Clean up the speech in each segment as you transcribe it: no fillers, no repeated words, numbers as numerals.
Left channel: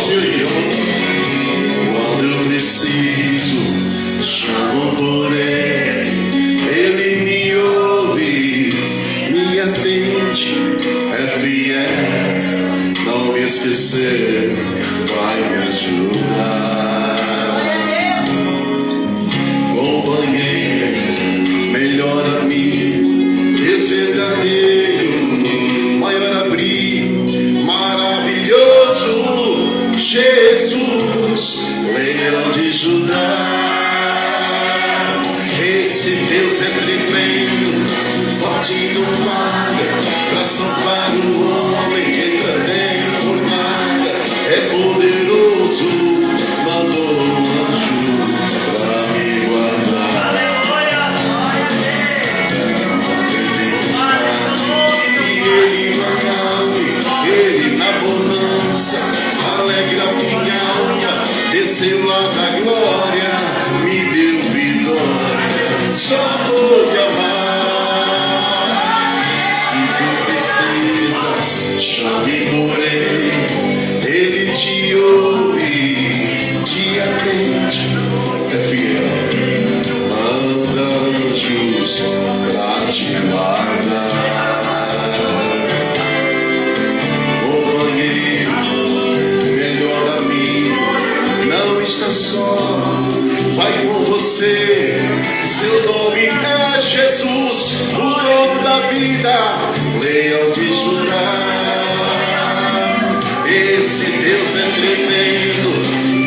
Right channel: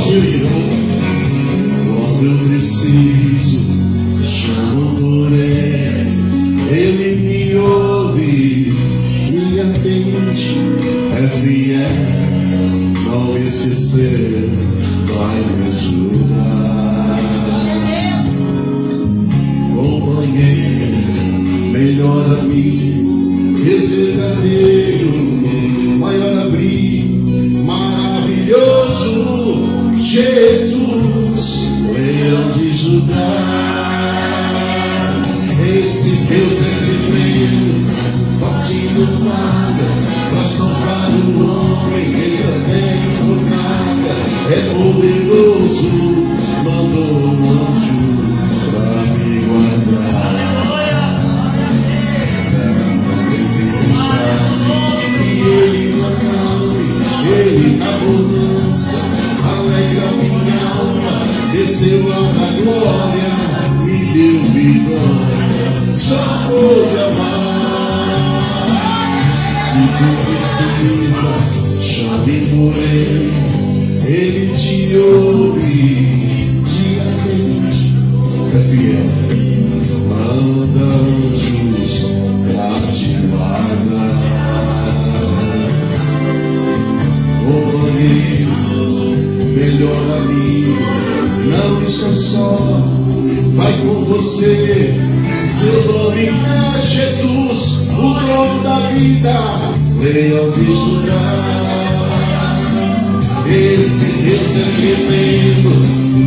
ao Senhor, quando eu preciso, chamo por Ele, Ele me ouve, me atende, é fiel, não me esquecer, vai me ajudar. Companheiro, melhor amigo, Deus verdadeiro, maior abrigo, maravilhoso, Jesus, leão de Judá. Esse Deus é tremendo, forte no falha, pra salvar o homem, entra até em fornalha, é poderoso, mandou um anjo pra me guardar. E Ele na calma, Ele na bonança, alegra minha alma, desceu lá da glória, me deu vitória. Só por amar. Se tu precisas, chame por Ele, Ele te ouve, te atende, é fiel, manda anjos pra te guardar. Companheiro, melhor amigo, não está só, vai com você. Seu nome é Jesus, o dono da vida, leão de Judá. Esse Deus é tremendo,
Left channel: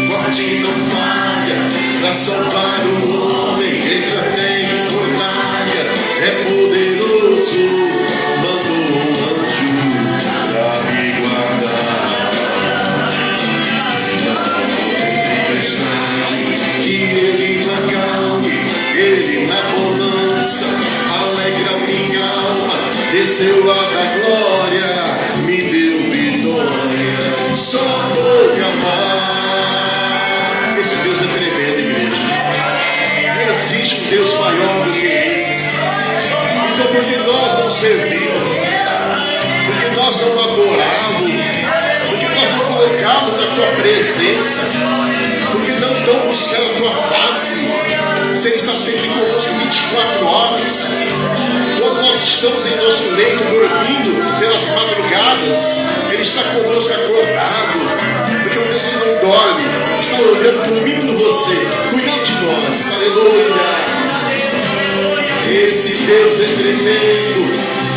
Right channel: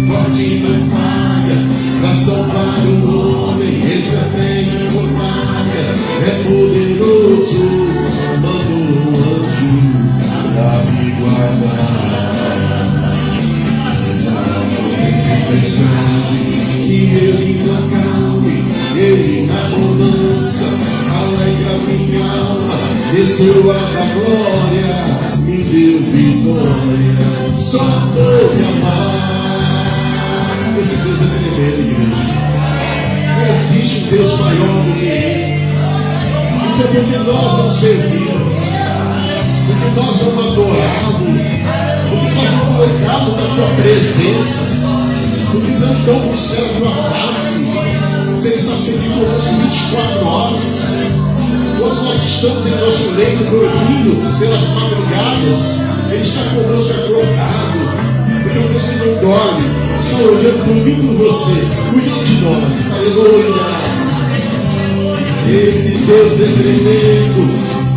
forte não falha, pra salvar o homem, entra até em fornalha, é poderoso, mandou um anjo pra me guardar. Não tem tempestade que Ele não acalme, Ele na bonança, alegra minha alma, desceu lá da glória, me deu vitória, só por me amar. Esse Deus é tremendo, igreja. Não existe um Deus maior do que esse. Então, porque nós não servimos, porque nós não adoramos, porque nós não colocamos na tua presença, porque não estamos buscando a tua face. Você está sempre conosco 24 horas. Quando nós estamos em nosso leito dormindo pelas madrugadas, Ele está conosco acordado, porque você não dorme, está olhando, dormindo você, cuidando de nós. Aleluia! Esse Deus é tremendo,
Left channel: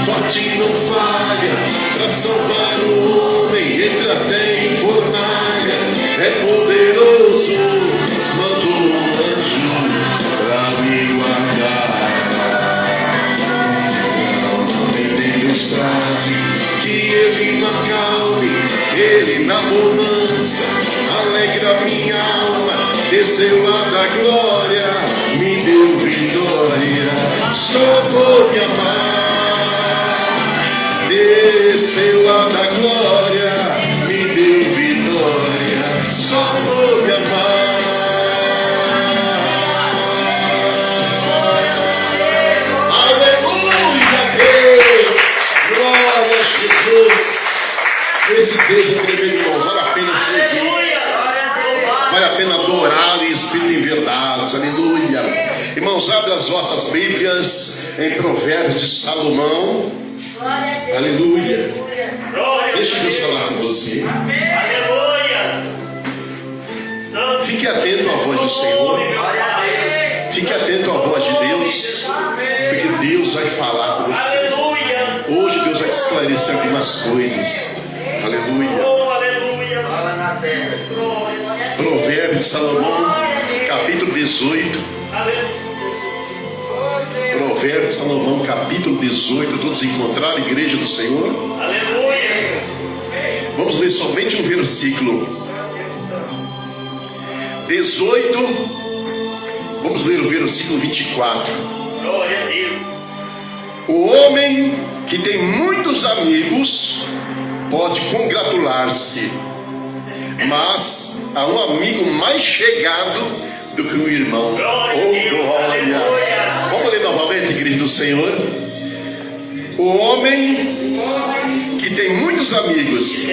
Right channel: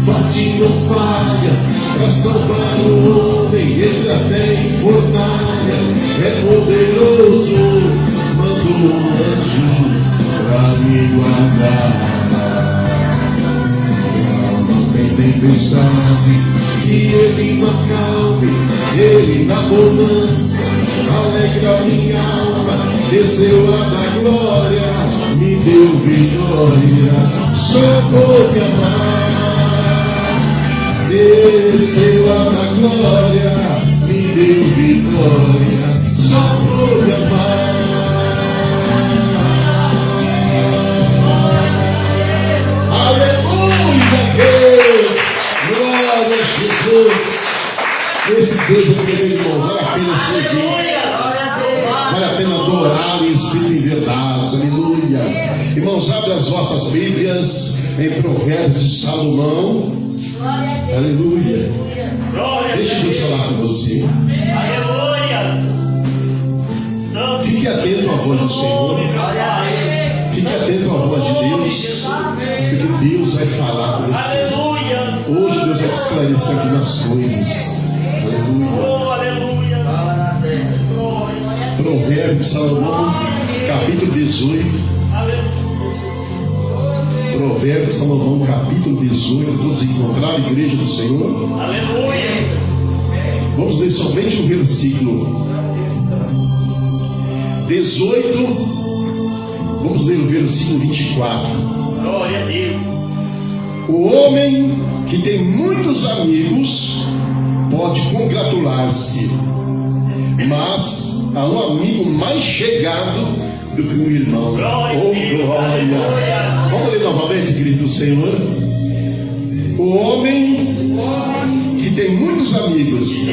forte não falha, para salvar o homem, entra até em fornalha, é poderoso, mandou um anjo pra me guardar. Não tem tempestade que Ele não acalme, Ele na bonança, alegra minha alma, desceu lá da glória, me deu vitória, só por me amar. Desceu lá da glória, me deu vitória, só por me amar. Glória a Jesus. Esse Deus é tremendo, irmãos. Vale a pena servir, vale a pena adorá-lo em espírito e em verdade. Aleluia. Irmãos, abra as vossas Bíblias em Provérbios de Salomão. Aleluia. Deixa eu falar com você. Fique atento à voz do Senhor. Fique atento à voz de Deus, porque Deus vai falar com você. Hoje Deus vai te esclarecer algumas coisas. Aleluia. Provérbios de Salomão, capítulo 18. Provérbios de Salomão, capítulo 18. Todos encontraram, igreja do Senhor? Vamos ler somente um versículo 18. Vamos ler o versículo 24. Glória a Deus. O homem que tem muitos amigos pode congratular-se, mas há um amigo mais chegado do que um irmão. Oh, glória! Vamos ler novamente, igreja do Senhor. O homem que tem muitos amigos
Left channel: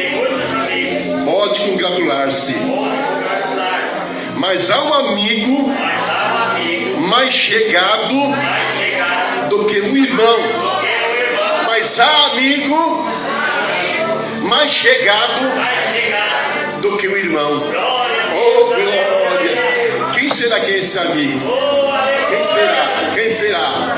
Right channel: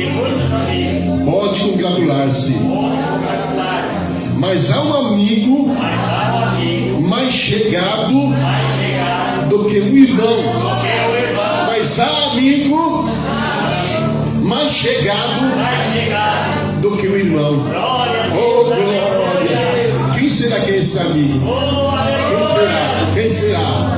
pode congratular-se. Mas há um amigo mais chegado do que um irmão. Mas há amigo mais chegado do que um irmão. Oh, glória! Quem será que é esse amigo? Quem será? Quem será?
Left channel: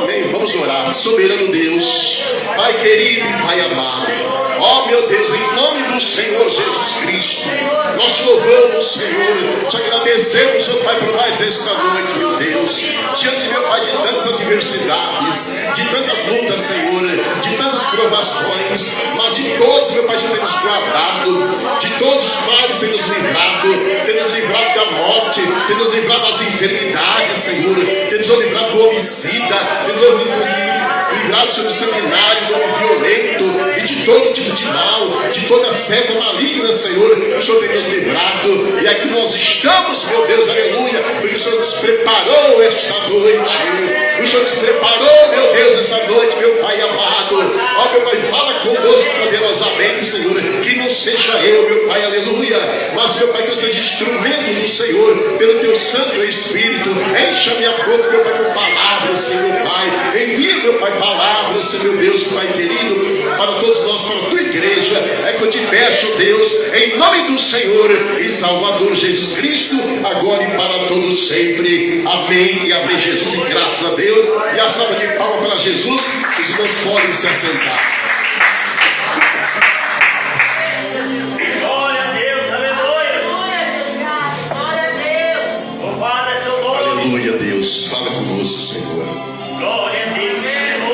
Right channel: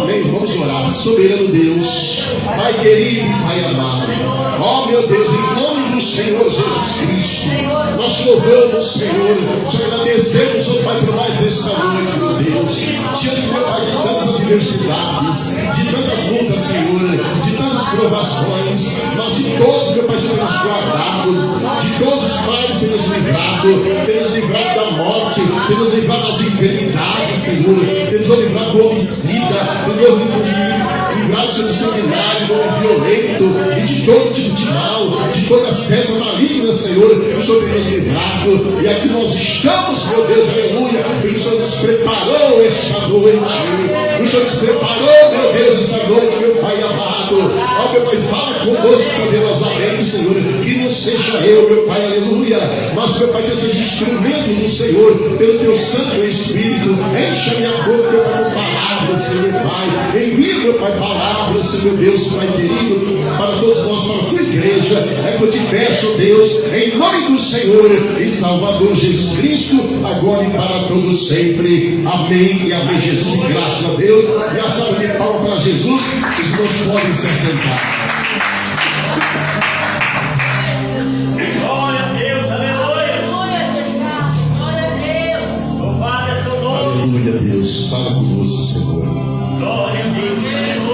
Amém. Vamos orar. Soberano Deus, Pai querido e Pai amado. Oh, meu Deus, em nome do Senhor Jesus Cristo, nós te louvamos, Senhor, te agradecemos, meu Pai, por mais esta noite, meu Deus, diante, meu Pai, de tantas adversidades, de tantas lutas, Senhor, de tantas provações, mas de todos, meu Pai, já temos guardado, de todos os males temos livrado da morte, temos livrado das enfermidades, Senhor, temos livrado do homicida, temos livrado do sanguinário, do homem violento, e de todo tipo de mal, de toda seta maligna, Senhor, o Senhor tem nos livrado, e aqui nós estamos, meu Deus, aleluia, porque o Senhor nos preparou esta noite, o Senhor nos preparou, meu Deus, esta noite, meu Pai amado. Ó, meu Pai, fala conosco poderosamente, Senhor, que não seja eu, meu Pai, aleluia, mas, meu Pai, que eu seja instrumento do Senhor, pelo Teu Santo Espírito. Encha minha boca, meu Pai, com palavras, Senhor, Pai, envia, meu Pai, palavras, Senhor, meu Deus, Pai querido, para todos nós, para a Tua igreja. É que eu te peço, Deus, em nome do Senhor e Salvador Jesus Cristo, agora e para todos sempre. Amém e amém, Jesus, e graças a Deus. E a salva de palmas para Jesus. Os irmãos podem se assentar. Glória a Deus, aleluia. Glória a Deus. Louvado é seu nome. Aleluia, Deus. Fala conosco, Senhor. Glória a Deus.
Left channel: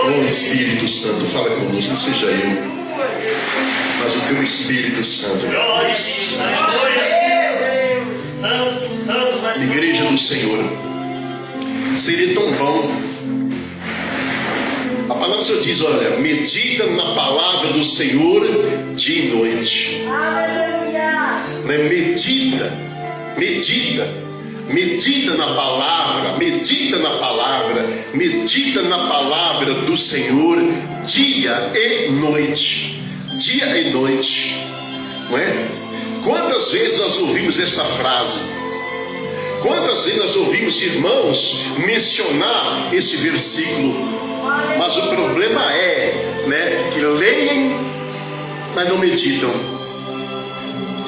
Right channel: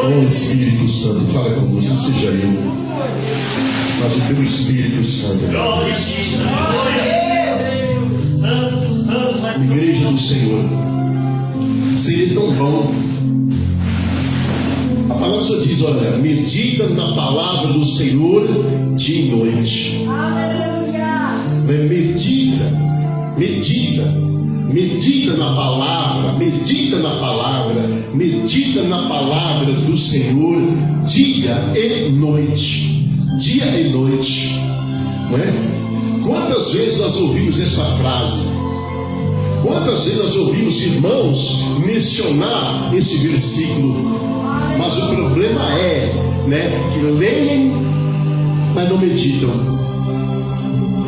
Oh, Espírito Santo, fala conosco, não seja eu, mas o Teu Espírito Santo, meu Glória a Deus. Deus, aleluia. Santo, santo, mas Igreja do Senhor, seria tão bom. A palavra do Senhor diz: olha, medita na palavra do Senhor dia e noite. Né? Medita na palavra, medita na palavra do Senhor dia e noite, não é? Quantas vezes nós ouvimos essa frase? Quantas vezes nós ouvimos irmãos mencionar esse versículo? Mas o problema é, né, que leem, mas não meditam.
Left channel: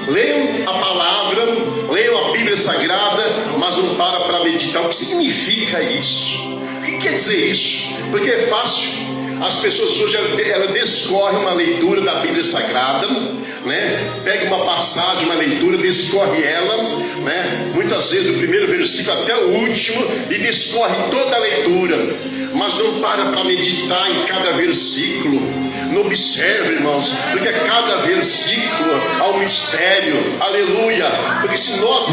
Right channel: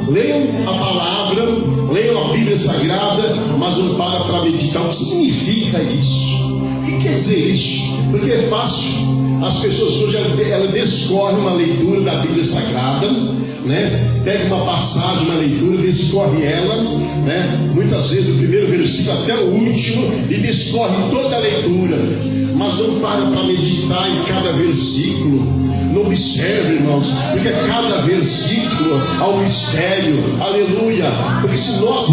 Leiam a palavra, leiam a Bíblia Sagrada, mas não para meditar. O que significa isso? O que quer dizer isso? Porque é fácil. As pessoas hoje elas descorrem uma leitura da Bíblia Sagrada, né? Pega uma passagem, uma leitura, descorre ela, né? Muitas vezes do primeiro versículo até o último, e descorre toda a leitura, mas não para meditar em cada versículo. Não observe, irmãos, porque a cada versículo há um mistério, aleluia. Porque se nós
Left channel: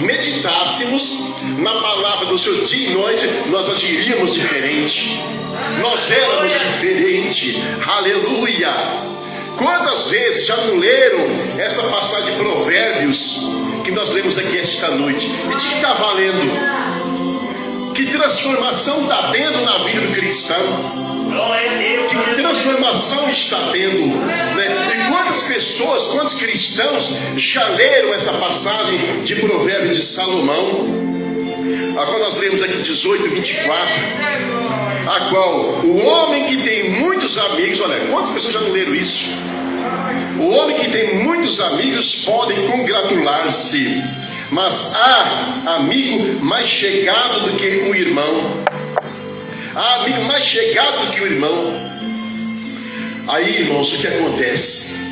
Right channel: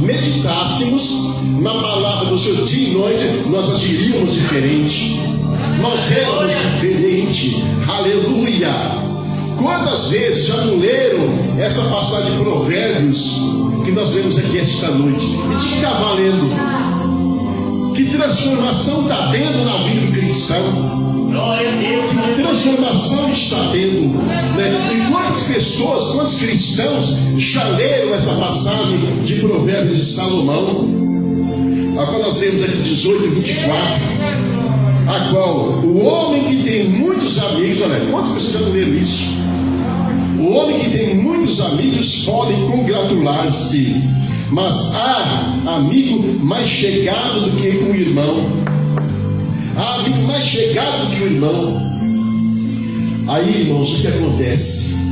meditássemos na palavra do Senhor dia e noite, nós agiríamos diferente, nós éramos diferentes, aleluia. Quantas vezes já não leram essa passagem de Provérbios que nós lemos aqui esta noite? E de que está valendo? Que transformação está tendo na vida do cristão? Que transformação está tendo, né? E quantas pessoas, quantos cristãos já leram essa passagem de Provérbios de Salomão? Agora nós lemos aqui 18, 24, a qual o homem que tem muitos amigos, olha, quantas pessoas já não leram isso? O homem que tem muitos amigos podem congratular-se, mas há amigo mais chegado do que um irmão. Há amigo mais chegado do que o irmão. Aí, irmãos, o que acontece?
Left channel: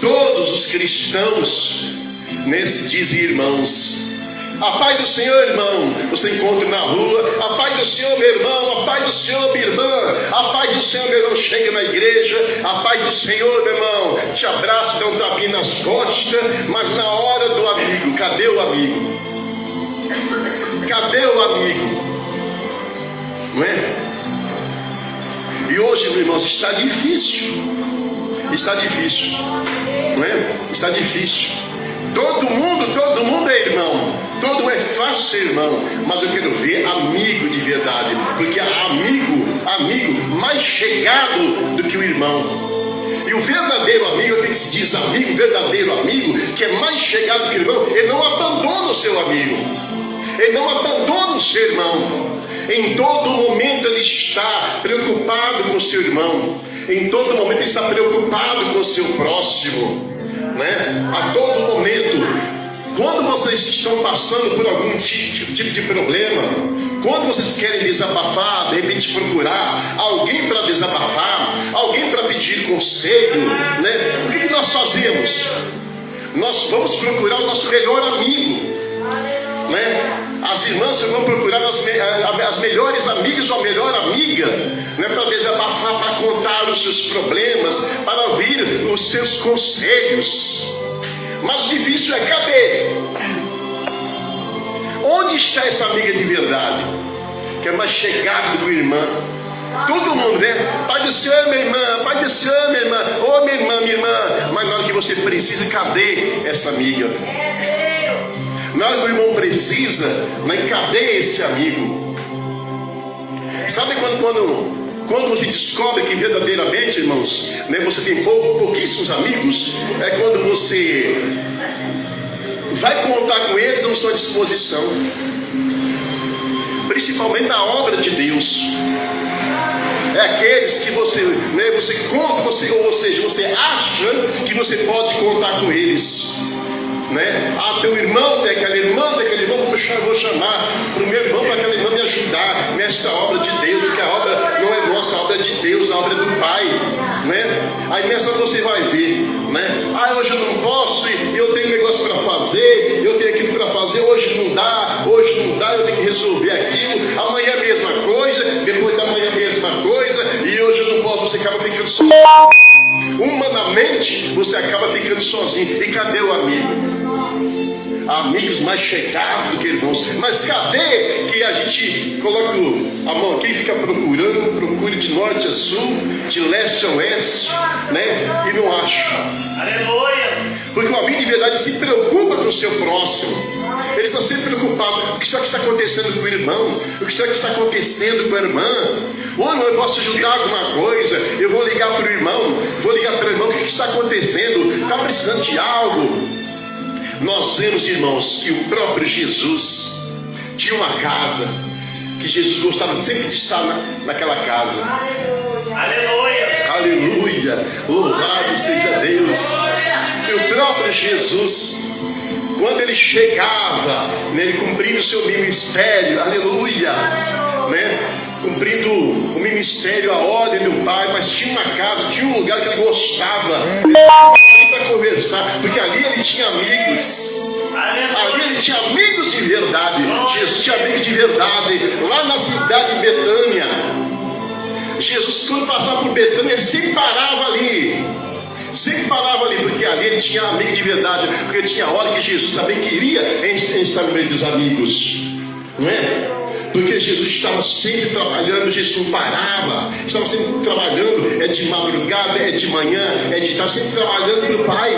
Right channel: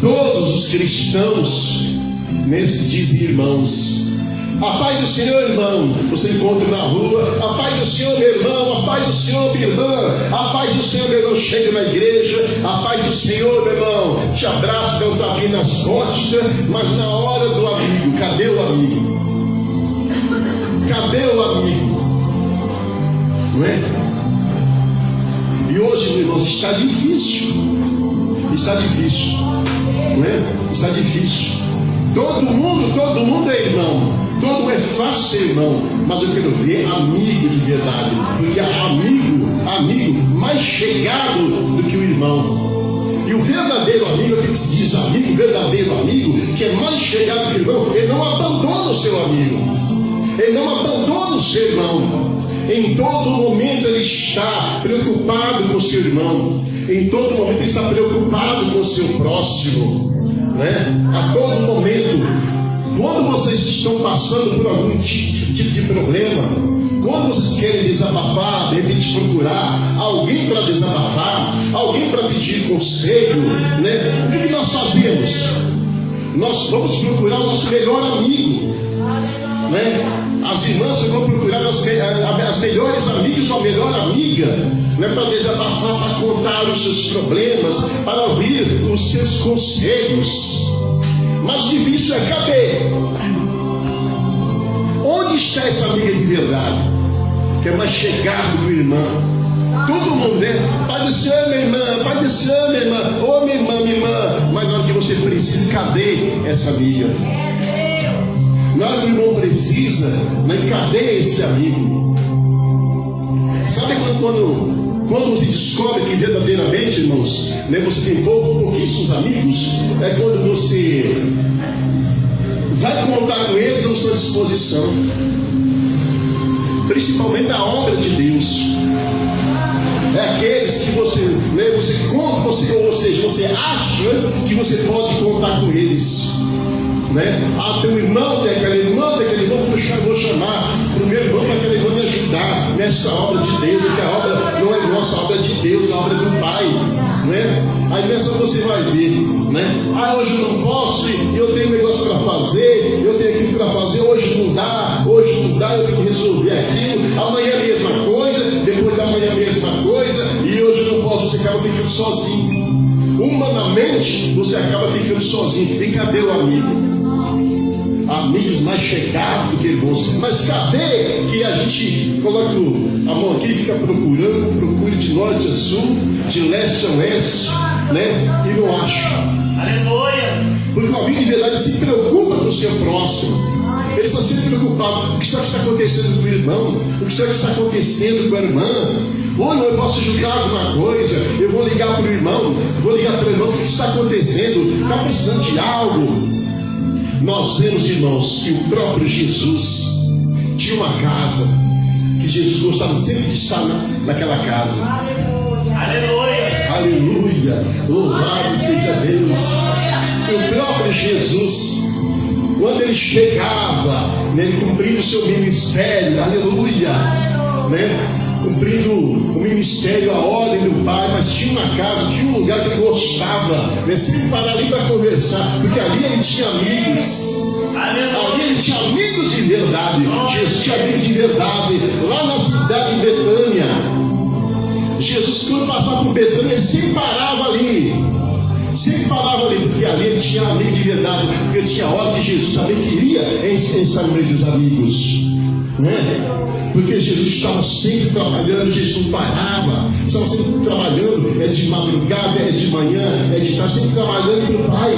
Todos os cristãos nesse dizem irmãos. A paz do Senhor, irmão. Você encontra na rua: a paz do Senhor, meu irmão. A paz do Senhor, minha irmã. A paz do Senhor, meu irmão. Chega na igreja: a paz do Senhor, meu irmão. Te abraça, dá um tapinha nas costas. Mas na hora do amigo, cadê o amigo? Cadê o amigo? Não é? E hoje, meus irmãos, está difícil. Está difícil, não é? Está difícil. Todo mundo é irmão. Todo é fácil ser irmão. Mas eu quero ver amigo de verdade. Porque há amigo mais chegado do que o irmão. E E o verdadeiro amigo, tem que se diz amigo, verdadeiro amigo, que é mais chegado que o irmão, ele não abandona o seu amigo, ele não abandona o seu irmão. Em todo momento ele está preocupado com o seu irmão, em todo momento ele está preocupado com o seu próximo, né? A todo momento. Quando vocês estão passando por algum tipo de problema, quando vocês querem desabafar, de repente procurar alguém para desabafar, alguém para pedir conselho, né? O que nós fazemos? Nós vamos procurar o nosso melhor amigo, né? As irmãs vão procurar as melhores amigas ou a melhor amiga, né? Para desabafar, para contar os seus problemas, para ouvir os seus conselhos. Mas o difícil é, cadê? Onde está essa amiga de verdade? Que é mais chegada do irmã. Todo mundo, né? Pai do Senhor, minha irmã. Pai do Senhor, minha irmã. Ô, minha irmã. Mas na hora que você precisa, cadê essa amiga? Na hora que o irmão precisa, né? Cadê esse amigo? Sabe quando você descobre que verdadeiramente, irmãos, né, você tem pouquíssimos amigos? É quando você vai contar com eles à sua disposição, principalmente a obra de Deus. É aqueles que você, né, você conta, ou seja, você acha que você pode contar com eles, né? Ah, teu irmão, tem aquela irmã, vou chamar para o meu irmão, para aquela irmã me ajudar nessa obra de Deus, porque a obra não é nossa, a obra é de Deus, a obra é do Pai, né? Aí nessa você vai ver, né? Ah, hoje eu não posso, eu tenho negócio para fazer, eu tenho aquilo para fazer, hoje não dá, eu tenho que resolver aquilo, amanhã a mesma coisa, depois da manhã a mesma coisa, e hoje eu não posso, você acaba ficando sozinho. Humanamente, você acaba ficando sozinho. E cadê o amigo? Amigos mais chegados do que irmãos. Mas cadê que a gente coloca a mão aqui e fica procurando, procura de norte a sul, de leste a oeste, né? E não acha. Aleluia! Porque o amigo de verdade se preocupa com o seu próximo. Ele está sempre preocupado. O que será que está acontecendo com o irmão? O que será que está acontecendo com a irmã? Ou não, eu posso ajudar alguma coisa? Eu vou ligar para o irmão, o que está acontecendo? Está precisando de algo? Nós vemos, irmãos, que o próprio Jesus tinha uma casa, que Jesus gostava sempre de estar naquela casa. Aleluia! Aleluia! Louvado seja Deus! E o próprio Jesus, quando ele chegava, né, ele cumprindo o seu ministério, aleluia, né? Cumprindo o ministério, a ordem do Pai, mas tinha uma casa, tinha um lugar que ele gostava. Ele sempre parava ali para conversar, porque ali ele tinha amigos. Ali ele tinha amigos de verdade. Jesus tinha amigos de verdade. Lá na cidade de Betânia, Jesus, quando passava por Betânia, ele sempre parava ali. Sempre parava ali, porque ali ele tinha amigo de verdade. Porque tinha hora que Jesus também queria estar no meio dos amigos, não é? Porque Jesus estava sempre trabalhando, Jesus não parava, estava sempre trabalhando, é de madrugada, é de manhã, é de tarde, sempre trabalhando para o Pai,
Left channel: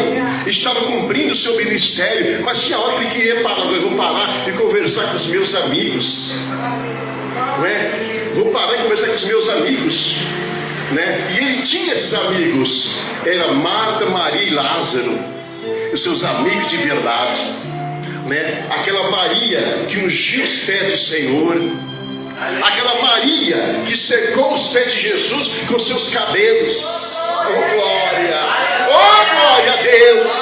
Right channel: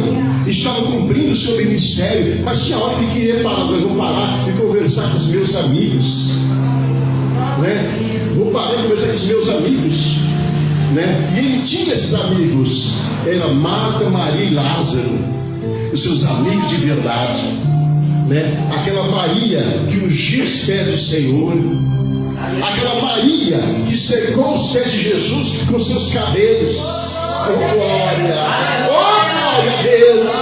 estava cumprindo o seu ministério, mas tinha hora que ele queria parar, eu vou parar e conversar com os meus amigos, né? Vou parar e conversar com os meus amigos, né? E ele tinha esses amigos, era Marta, Maria e Lázaro, os seus amigos de verdade. Né? Aquela Maria que ungiu os pés do Senhor, aquela Maria que secou os pés de Jesus com seus cabelos. Oh glória! Oh glória a Deus!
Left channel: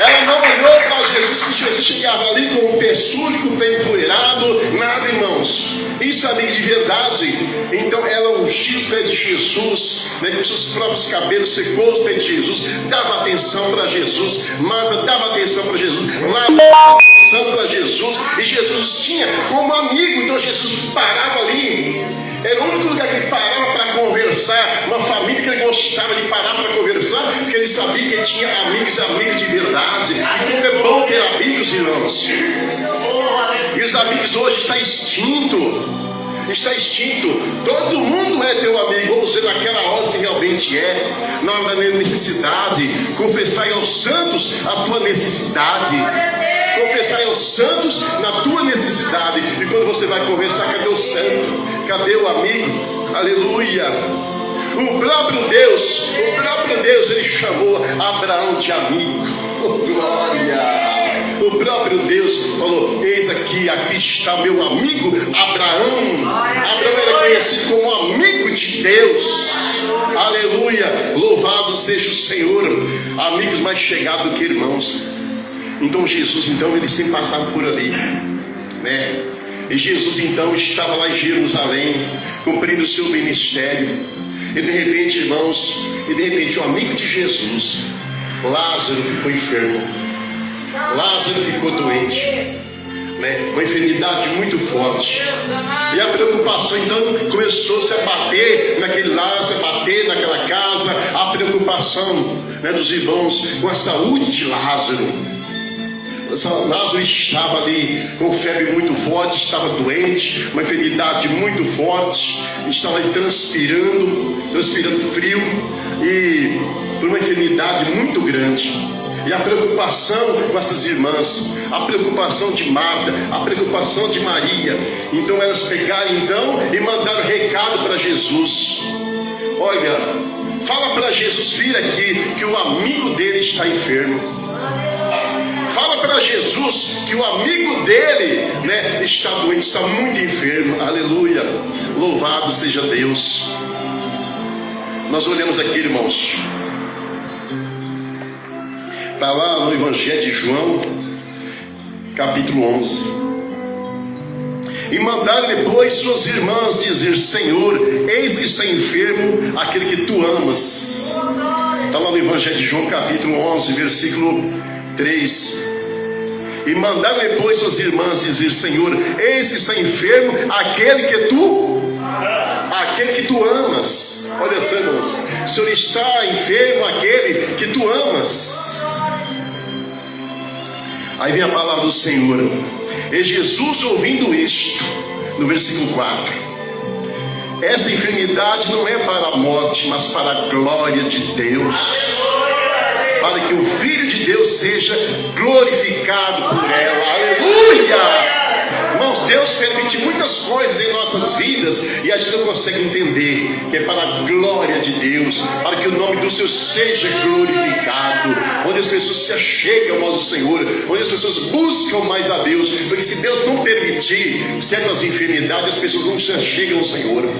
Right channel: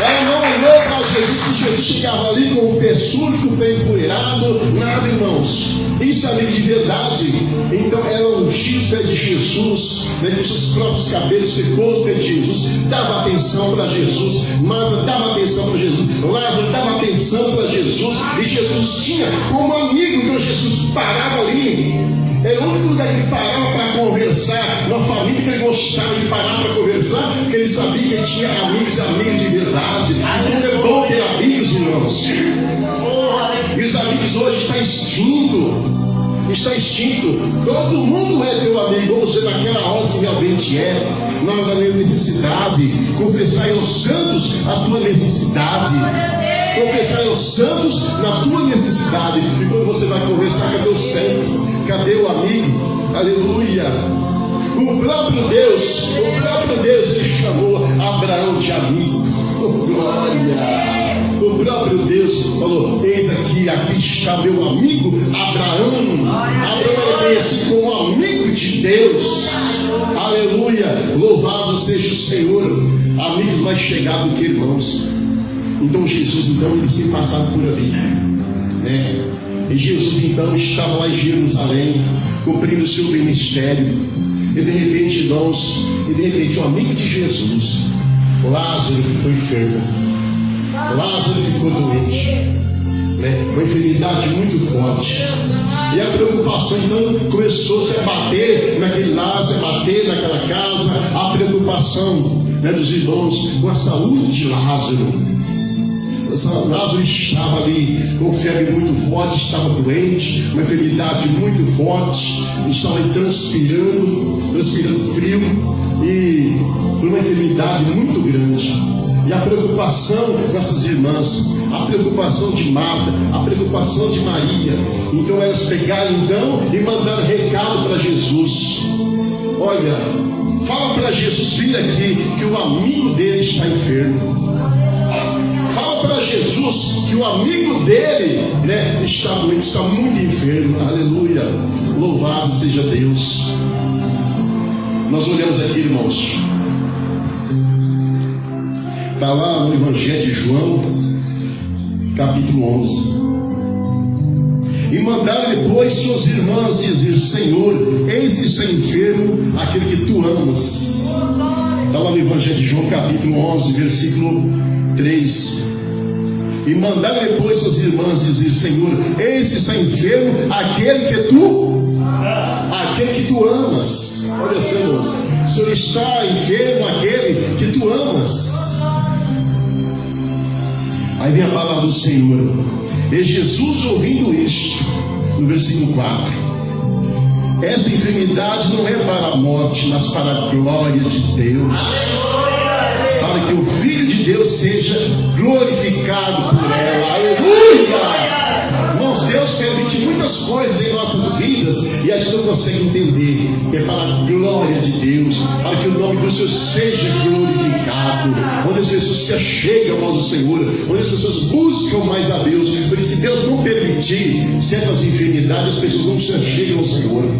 Ela não olhou para Jesus, que Jesus chegava ali com o pé sujo, com o pé empoeirado, nada, irmãos. Isso é amigo de verdade. Então ela ungiu os pés de Jesus, né, com seus próprios cabelos, secou os pés de Jesus, dava atenção para Jesus. Marta dava atenção para Jesus, Lázaro dava atenção para Jesus, e Jesus tinha como amigo. Então Jesus parava ali. Era o único lugar que ele parava para conversar. Uma família que ele gostava de parar para conversar, porque ele sabia que ele tinha amigos de verdade. E como é bom ter amigos, irmãos. E os amigos hoje estão extinto. Está extinto. Todo mundo é teu amigo. Vamos ver naquela hora se realmente é. Na hora da necessidade. Confessai aos santos a tua necessidade. Confessai aos santos na tua necessidade. E quando você vai conversar, cadê o santo? Cadê o amigo? aleluia. O próprio Deus, ele chamou Abraão de amigo. Oh, glória! O próprio Deus falou: eis aqui está meu amigo Abraão. Abraão era conhecido como amigo de Deus. Aleluia, louvado seja o Senhor. Amigos mais chegados do que irmãos. Então Jesus, ele sempre passava por ali, né? E Jesus então estava lá em Jerusalém, cumprindo o seu ministério. E de repente, irmãos, o amigo de Jesus, Lázaro, ficou enfermo. Lázaro ficou doente, né? Uma enfermidade muito forte. E a preocupação então começou-se a bater naquele Lázaro, a bater naquela casa. A preocupação, né, dos irmãos com a saúde de Lázaro. Lázaro estava ali com febre muito forte, estava doente, uma enfermidade muito forte, estava ali transpirando frio, e por uma enfermidade muito grande. E a preocupação com essas irmãs, a preocupação de Marta, a preocupação de Maria. Então elas pegaram e mandaram recado para Jesus: olha, fala para Jesus vir aqui, que o amigo dele está enfermo. Fala para Jesus que o amigo dele, né, está doente, está muito enfermo. Aleluia, louvado seja Deus. Nós olhamos aqui, irmãos, está lá no Evangelho de João, capítulo 11. E mandaram depois suas irmãs dizer: Senhor, eis que está enfermo aquele que tu amas. Está lá no Evangelho de João, capítulo 11, versículo 3. E mandaram depois suas irmãs dizer: Senhor, eis que está enfermo aquele que tu amas. Olha só, irmãos, o Senhor, está enfermo aquele que tu amas. Aí vem a palavra do Senhor. E Jesus, ouvindo isto, no versículo 4: esta enfermidade não é para a morte, mas para a glória de Deus, para que o Filho de Deus seja glorificado por ela. Aleluia! Irmãos, Deus permite muitas coisas em nossas vidas e a gente não consegue entender que é para a glória de Deus, para que o nome do Senhor seja glorificado, onde as pessoas se achegam ao Senhor, onde as pessoas buscam mais a Deus, porque se Deus não permitir certas enfermidades, as pessoas não se achegam ao Senhor.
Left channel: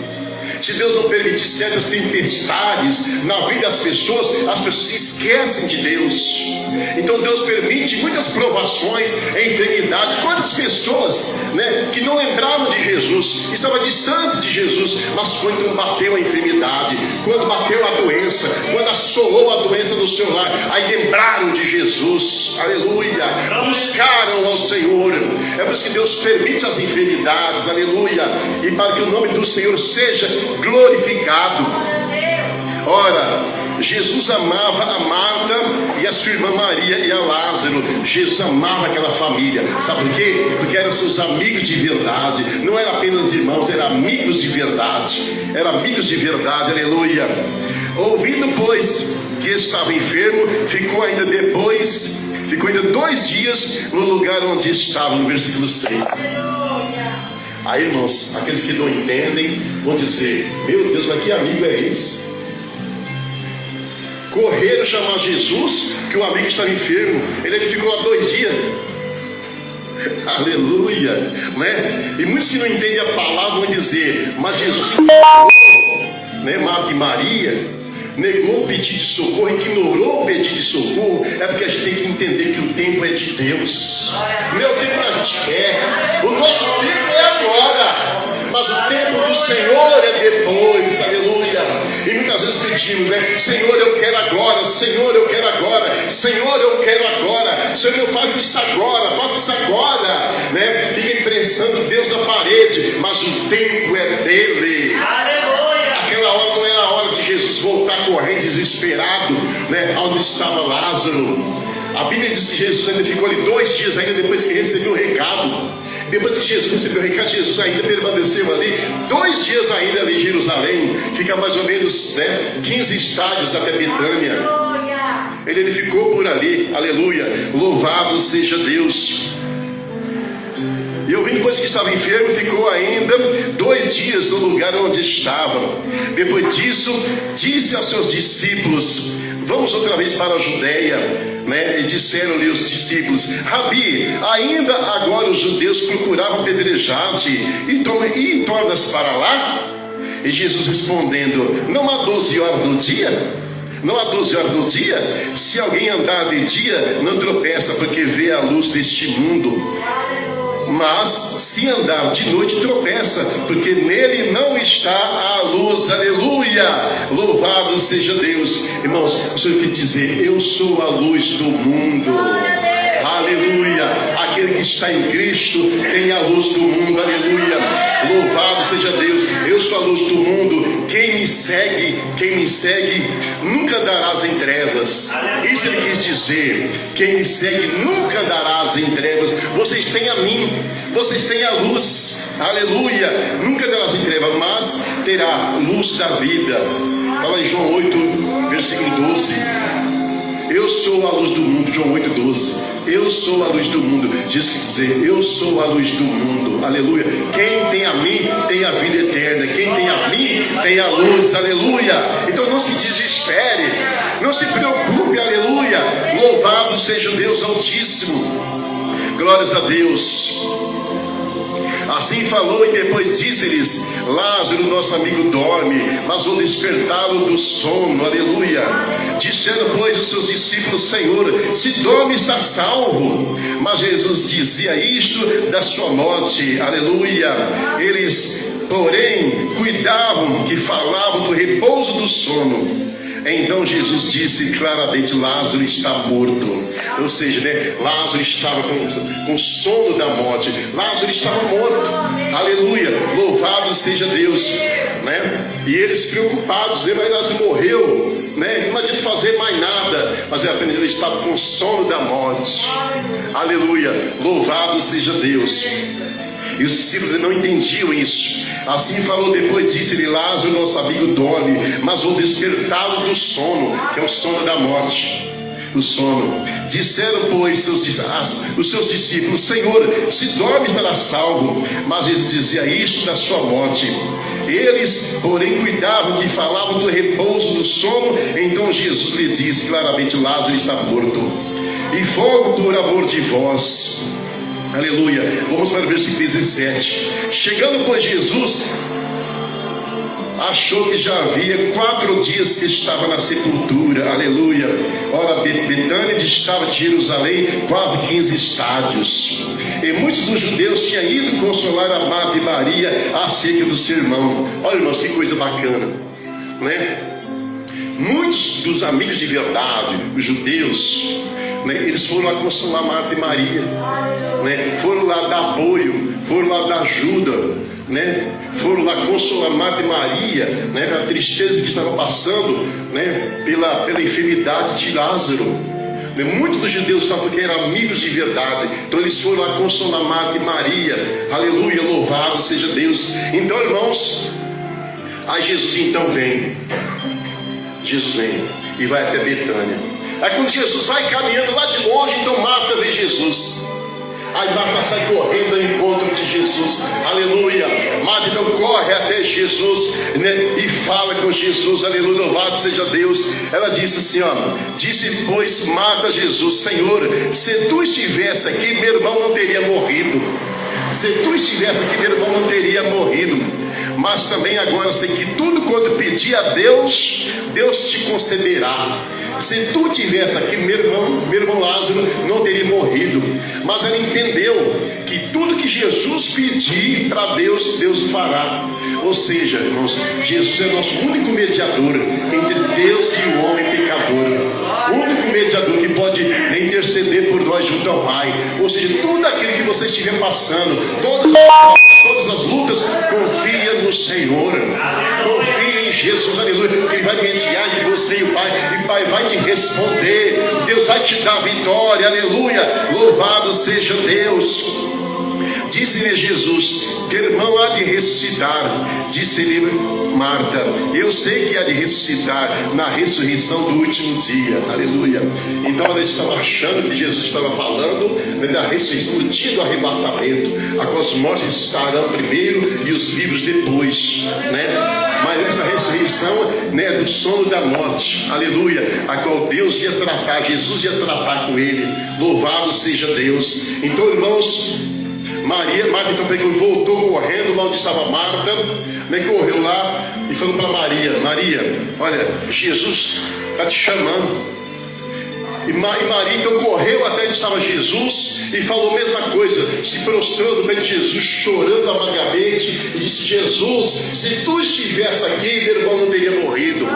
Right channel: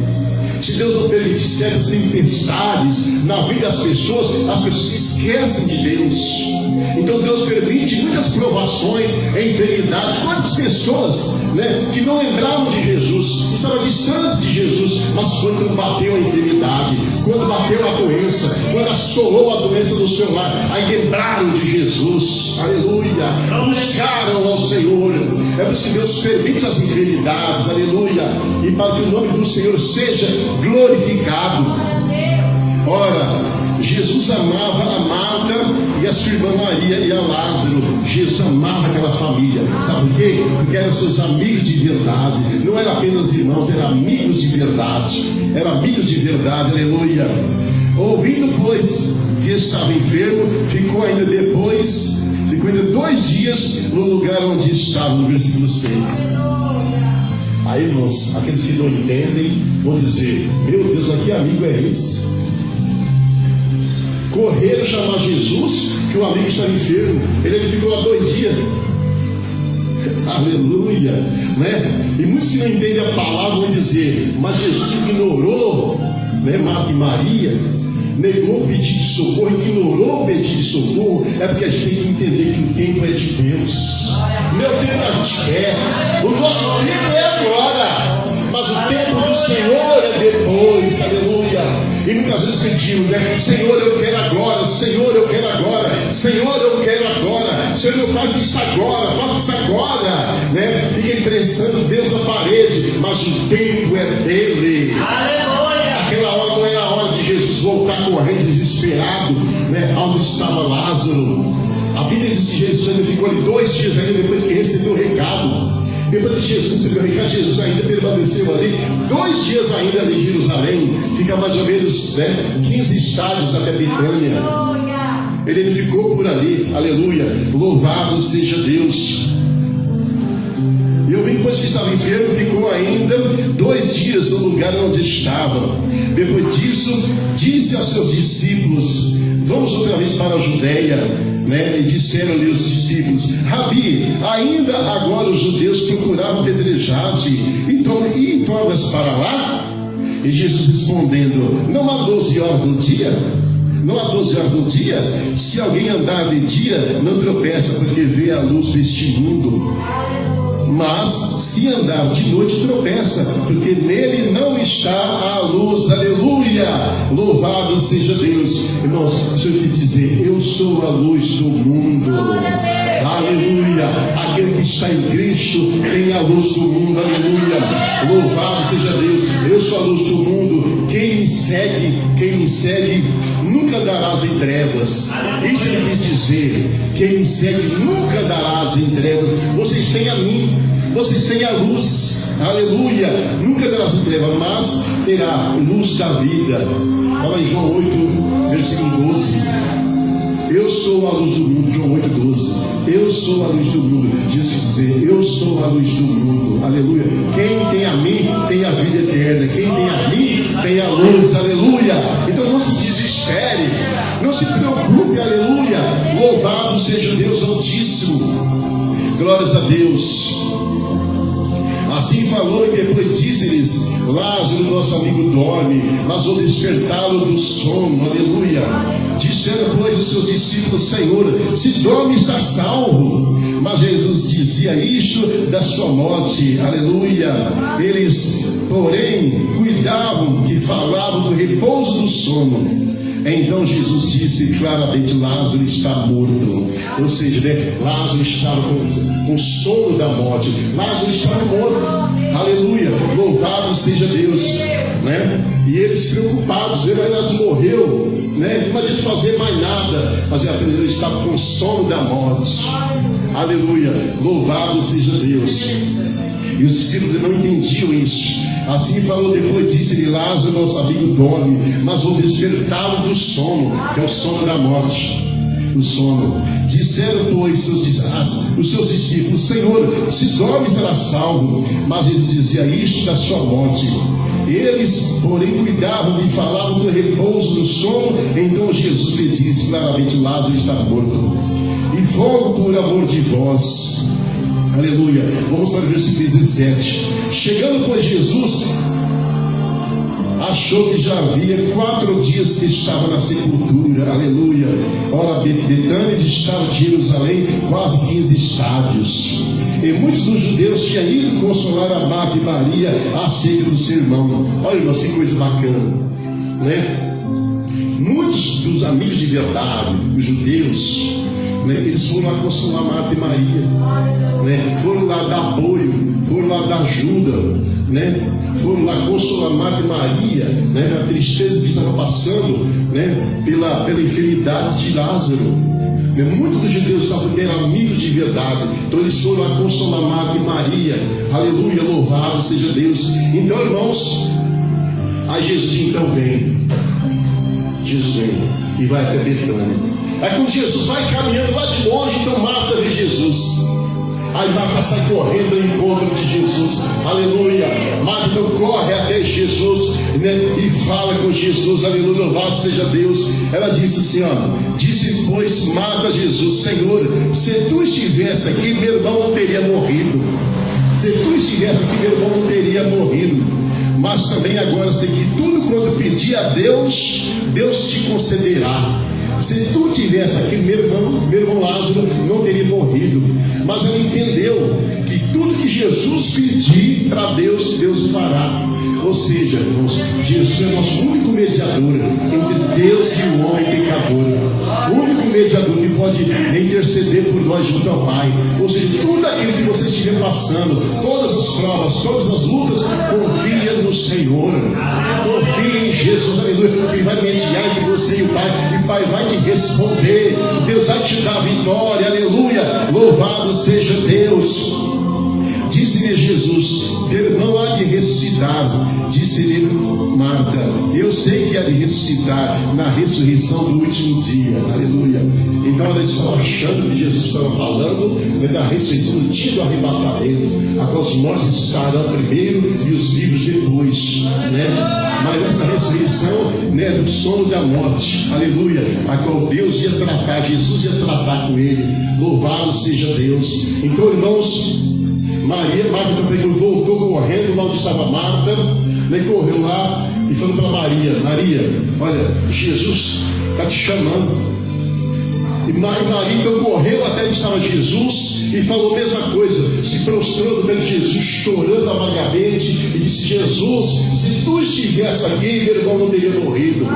Se Deus não permitir certas tempestades na vida das pessoas, as pessoas se esquecem de Deus. Então Deus permite muitas provações, enfermidades. Quantas pessoas, né, que não lembravam de Jesus, estavam distante de Jesus, mas quando bateu a enfermidade, quando bateu a doença, quando assolou a doença no seu lar, aí lembraram de Jesus. Aleluia, buscaram ao Senhor. É por isso que Deus permite as enfermidades, aleluia, e para que o nome do Senhor seja glorificado. Ora, Jesus amava a Marta e a sua irmã Maria e a Lázaro. Jesus amava aquela família. Sabe por quê? Porque eram seus amigos de verdade. Não eram apenas irmãos, eram amigos de verdade. Eram amigos de verdade, aleluia. Ouvindo, pois, que estava enfermo, ficou ainda 2 dias no lugar onde estava, no versículo 6. Aí, irmãos, aqueles que não entendem vão dizer: meu Deus, aqui amigo é esse? Correram chamar Jesus, que o amigo estava enfermo. Ele ficou lá 2 dias. Aleluia, né? E muitos que não entendem a palavra vão dizer: mas Jesus ignorou, né, Marta e Maria, negou o pedido de socorro, ignorou o pedido de socorro. É porque a gente tem que entender que o tempo é de Deus. Não é o tempo que a gente quer. O nosso tempo é agora, mas o tempo do Senhor é depois. Aleluia. E muitas vezes pedimos, né? Senhor, eu quero agora. Senhor, eu quero agora. Senhor, eu quero agora. Senhor, eu faço isso agora. Faço isso agora, né? Fica imprensando Deus na parede, mas o tempo é dele. Aquela hora não era a hora de Jesus voltar correndo desesperado, né? Onde estava Lázaro. A Bíblia diz que Jesus ainda ficou ali 2 dias ainda depois que recebeu o recado. Depois que Jesus recebeu o recado, Jesus ainda permaneceu ali 2 dias ainda ali em Jerusalém. Fica mais ou menos, né, 15 estádios até Betânia. Ele ficou por ali, aleluia. Louvado seja Deus. Eu vi depois que estava enfermo, ficou ainda 2 dias no lugar onde estava. Depois disso, disse aos seus discípulos: vamos outra vez para a Judéia, né? E disseram-lhe os discípulos: Rabi, ainda agora os judeus procuravam apedrejar-te, e tornas para lá? E Jesus respondendo: não há 12 horas do dia? Não há 12 horas do dia? Se alguém andar de dia, não tropeça, porque vê a luz deste mundo. Mas se andar de noite, tropeça, porque nele não está a luz. Aleluia! Louvado seja Deus. Irmãos, o Senhor quer dizer: eu sou a luz do mundo. Aleluia! Aquele que está em Cristo tem a luz do mundo. Aleluia! Louvado seja Deus. Eu sou a luz do mundo. Quem me segue nunca darás em trevas. Isso ele quis dizer. Quem me segue nunca darás em trevas. Vocês têm a mim, vocês têm a luz. Aleluia! Nunca darás em trevas, mas terá luz da vida. Fala em João 8, versículo 12. Eu sou a luz do mundo. João 8,12. Eu sou a luz do mundo. Diz que dizer: eu sou a luz do mundo. Aleluia. Quem tem a mim tem a vida eterna. Quem tem a mim tem a luz. Aleluia. Então não se desespere, não se preocupe. Aleluia. Louvado seja o Deus Altíssimo. Glórias a Deus. Assim falou e depois disse-lhes: Lázaro, nosso amigo, dorme, mas vou despertá-lo do sono. Aleluia. Disseram, pois, os seus discípulos: Senhor, se dorme, está salvo. Mas Jesus dizia isto da sua morte. Aleluia. Eles, porém, cuidavam que falavam do repouso do sono. Então Jesus disse claramente: Lázaro está morto. Ou seja, né, Lázaro estava com sono da morte. Lázaro estava morto. Aleluia. Louvado seja Deus, né? E eles preocupados: mas Lázaro morreu, né? Não adianta fazer mais nada. Mas apenas ele estava com sono da morte. Aleluia. Louvado seja Deus. E os discípulos não entendiam isso. Assim falou, depois disse-lhe: Lázaro, nosso amigo, dorme, mas vou despertá-lo do sono, que é o sono da morte. O sono. Disseram, pois, os seus discípulos: Senhor, se dorme, estará salvo. Mas Jesus dizia isto da sua morte. Eles, porém, cuidavam e falavam do repouso do sono. Então Jesus lhe disse claramente: Lázaro está morto, e fogo por amor de vós. Aleluia. Vamos para o versículo 17. Chegando, pois, Jesus achou que já havia 4 dias que estava na sepultura. Aleluia. Ora, Betânia distava de Jerusalém quase 15 estádios. E muitos dos judeus tinham ido consolar a Marta e Maria acerca do sermão. Olha, irmãos, que coisa bacana, né? Muitos dos amigos de verdade, os judeus, né, eles foram lá consolar Marta e Maria, né? Foram lá dar apoio, foram lá dar ajuda, né? Foram lá consolar Marta e Maria, né, da tristeza que estava passando, né, pela enfermidade de Lázaro. Muitos dos judeus estavam porque eram amigos de verdade. Então eles foram lá consolar Marta e Maria. Aleluia, louvado seja Deus. Então, irmãos, aí Jesus então vem. Jesus vem e vai até Betânia. Aí quando Jesus vai caminhando lá de longe, então Marta vê Jesus. Aí Marta sai correndo ao encontro de Jesus. Aleluia. Marta então corre até Jesus, né, e fala com Jesus. Aleluia, louvado seja Deus. Ela disse assim, disse, pois, Marta a Jesus: Senhor, se tu estivesse aqui, meu irmão não teria morrido. Se tu estivesse aqui, meu irmão não teria morrido. Mas também agora sei que tudo quanto pedir a Deus, Deus te concederá. Se tu tivesse aqui, meu irmão Lázaro não teria morrido. Mas ela entendeu que tudo que Jesus pedir para Deus, Deus fará. Ou seja, irmãos, Jesus é nosso único mediador entre Deus e o homem pecador. O único mediador que pode interceder por nós junto ao Pai. Ou seja, tudo aquilo que você estiver passando, todas as provas, todas as lutas, confia no Senhor. Confia em Jesus, aleluia, que vai mediar entre você e o Pai. E o Pai vai te responder. Deus vai te dar vitória, aleluia. Louvado seja Deus. Disse-lhe Jesus: teu irmão há de ressuscitar. Disse-lhe Marta: eu sei que há de ressuscitar na ressurreição do último dia. Aleluia. Então ela estava achando que Jesus estava falando, né, da ressurreição no dia do arrebatamento, a qual os mortos estarão primeiro e os vivos depois, né? Mas essa ressurreição, né, do sono da morte, aleluia, a qual Deus ia tratar, Jesus ia tratar com ele. Louvado seja Deus. Então, irmãos, Marta então pegou e voltou correndo lá onde estava Marta, né, correu lá e falou para Maria: Maria, olha, Jesus está te chamando. E Maria então correu até onde estava Jesus e falou a mesma coisa, se prostrou no pé de Jesus, chorando amargamente, e disse: Jesus, se tu estivesse aqui, meu irmão não teria morrido.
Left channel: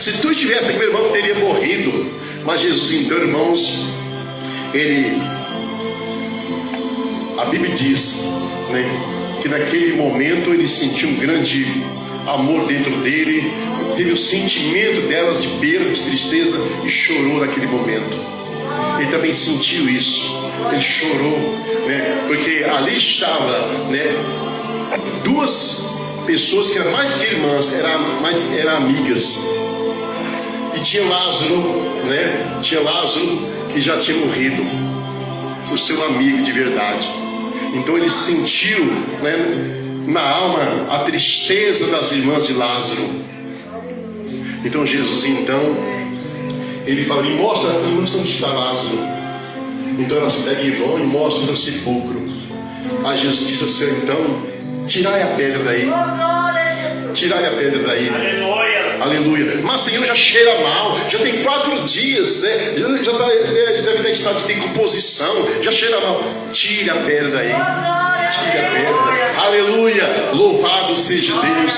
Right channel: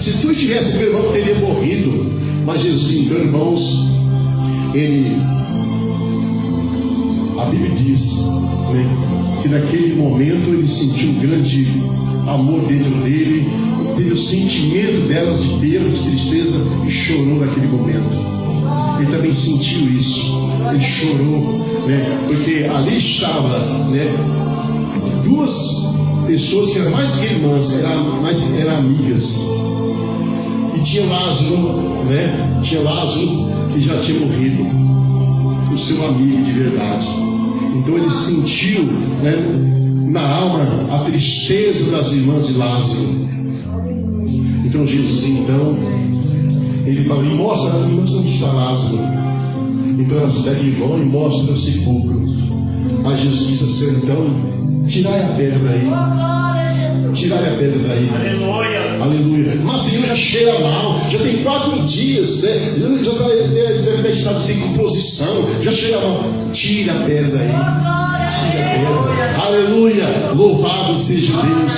Se tu estivesse aqui, meu irmão não teria morrido. Mas Jesus, então, irmãos, a Bíblia diz, né, que naquele momento ele sentiu um grande amor dentro dele, teve o sentimento delas de perda, de tristeza, e chorou naquele momento. Ele também sentiu isso, ele chorou, né, porque ali estava, né, duas pessoas que eram mais que irmãs, eram amigas. E tinha Lázaro, né, que já tinha morrido, o seu amigo de verdade. Então ele sentiu, né, na alma a tristeza das irmãs de Lázaro. Então Jesus, então, ele fala: me mostra onde está Lázaro. Então elas pegam e vão e mostram o sepulcro. Aí Jesus diz assim: então, tirai a pedra daí. Tirai a pedra daí. Aleluia. Mas Senhor, já cheira mal, já tem 4 dias, né? Já deve estar em estado de decomposição, já cheira mal. Tire a pedra daí. Tire a pedra. Aleluia. Louvado seja Deus.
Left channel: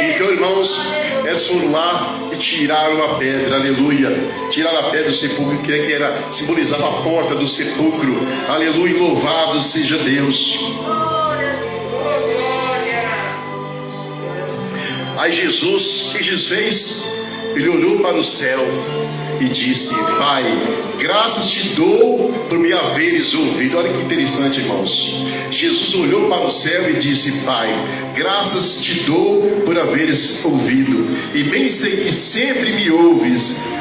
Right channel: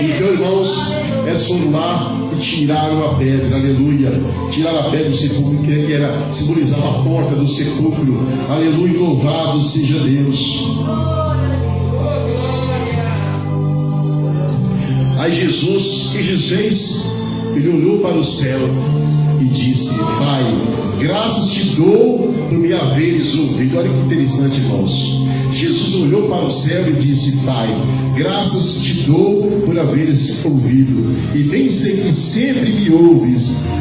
Então, irmãos, eles foram lá e tiraram a pedra. Aleluia. Tiraram a pedra do sepulcro, que era simbolizava a porta do sepulcro. Aleluia. Louvado seja Deus. Aí Jesus, que Jesus fez? Ele olhou para o céu e disse: Pai, graças te dou por me haveres ouvido. Olha que interessante, irmãos. Jesus olhou para o céu e disse: Pai, graças te dou por haveres ouvido. E bem sei que sempre me ouves.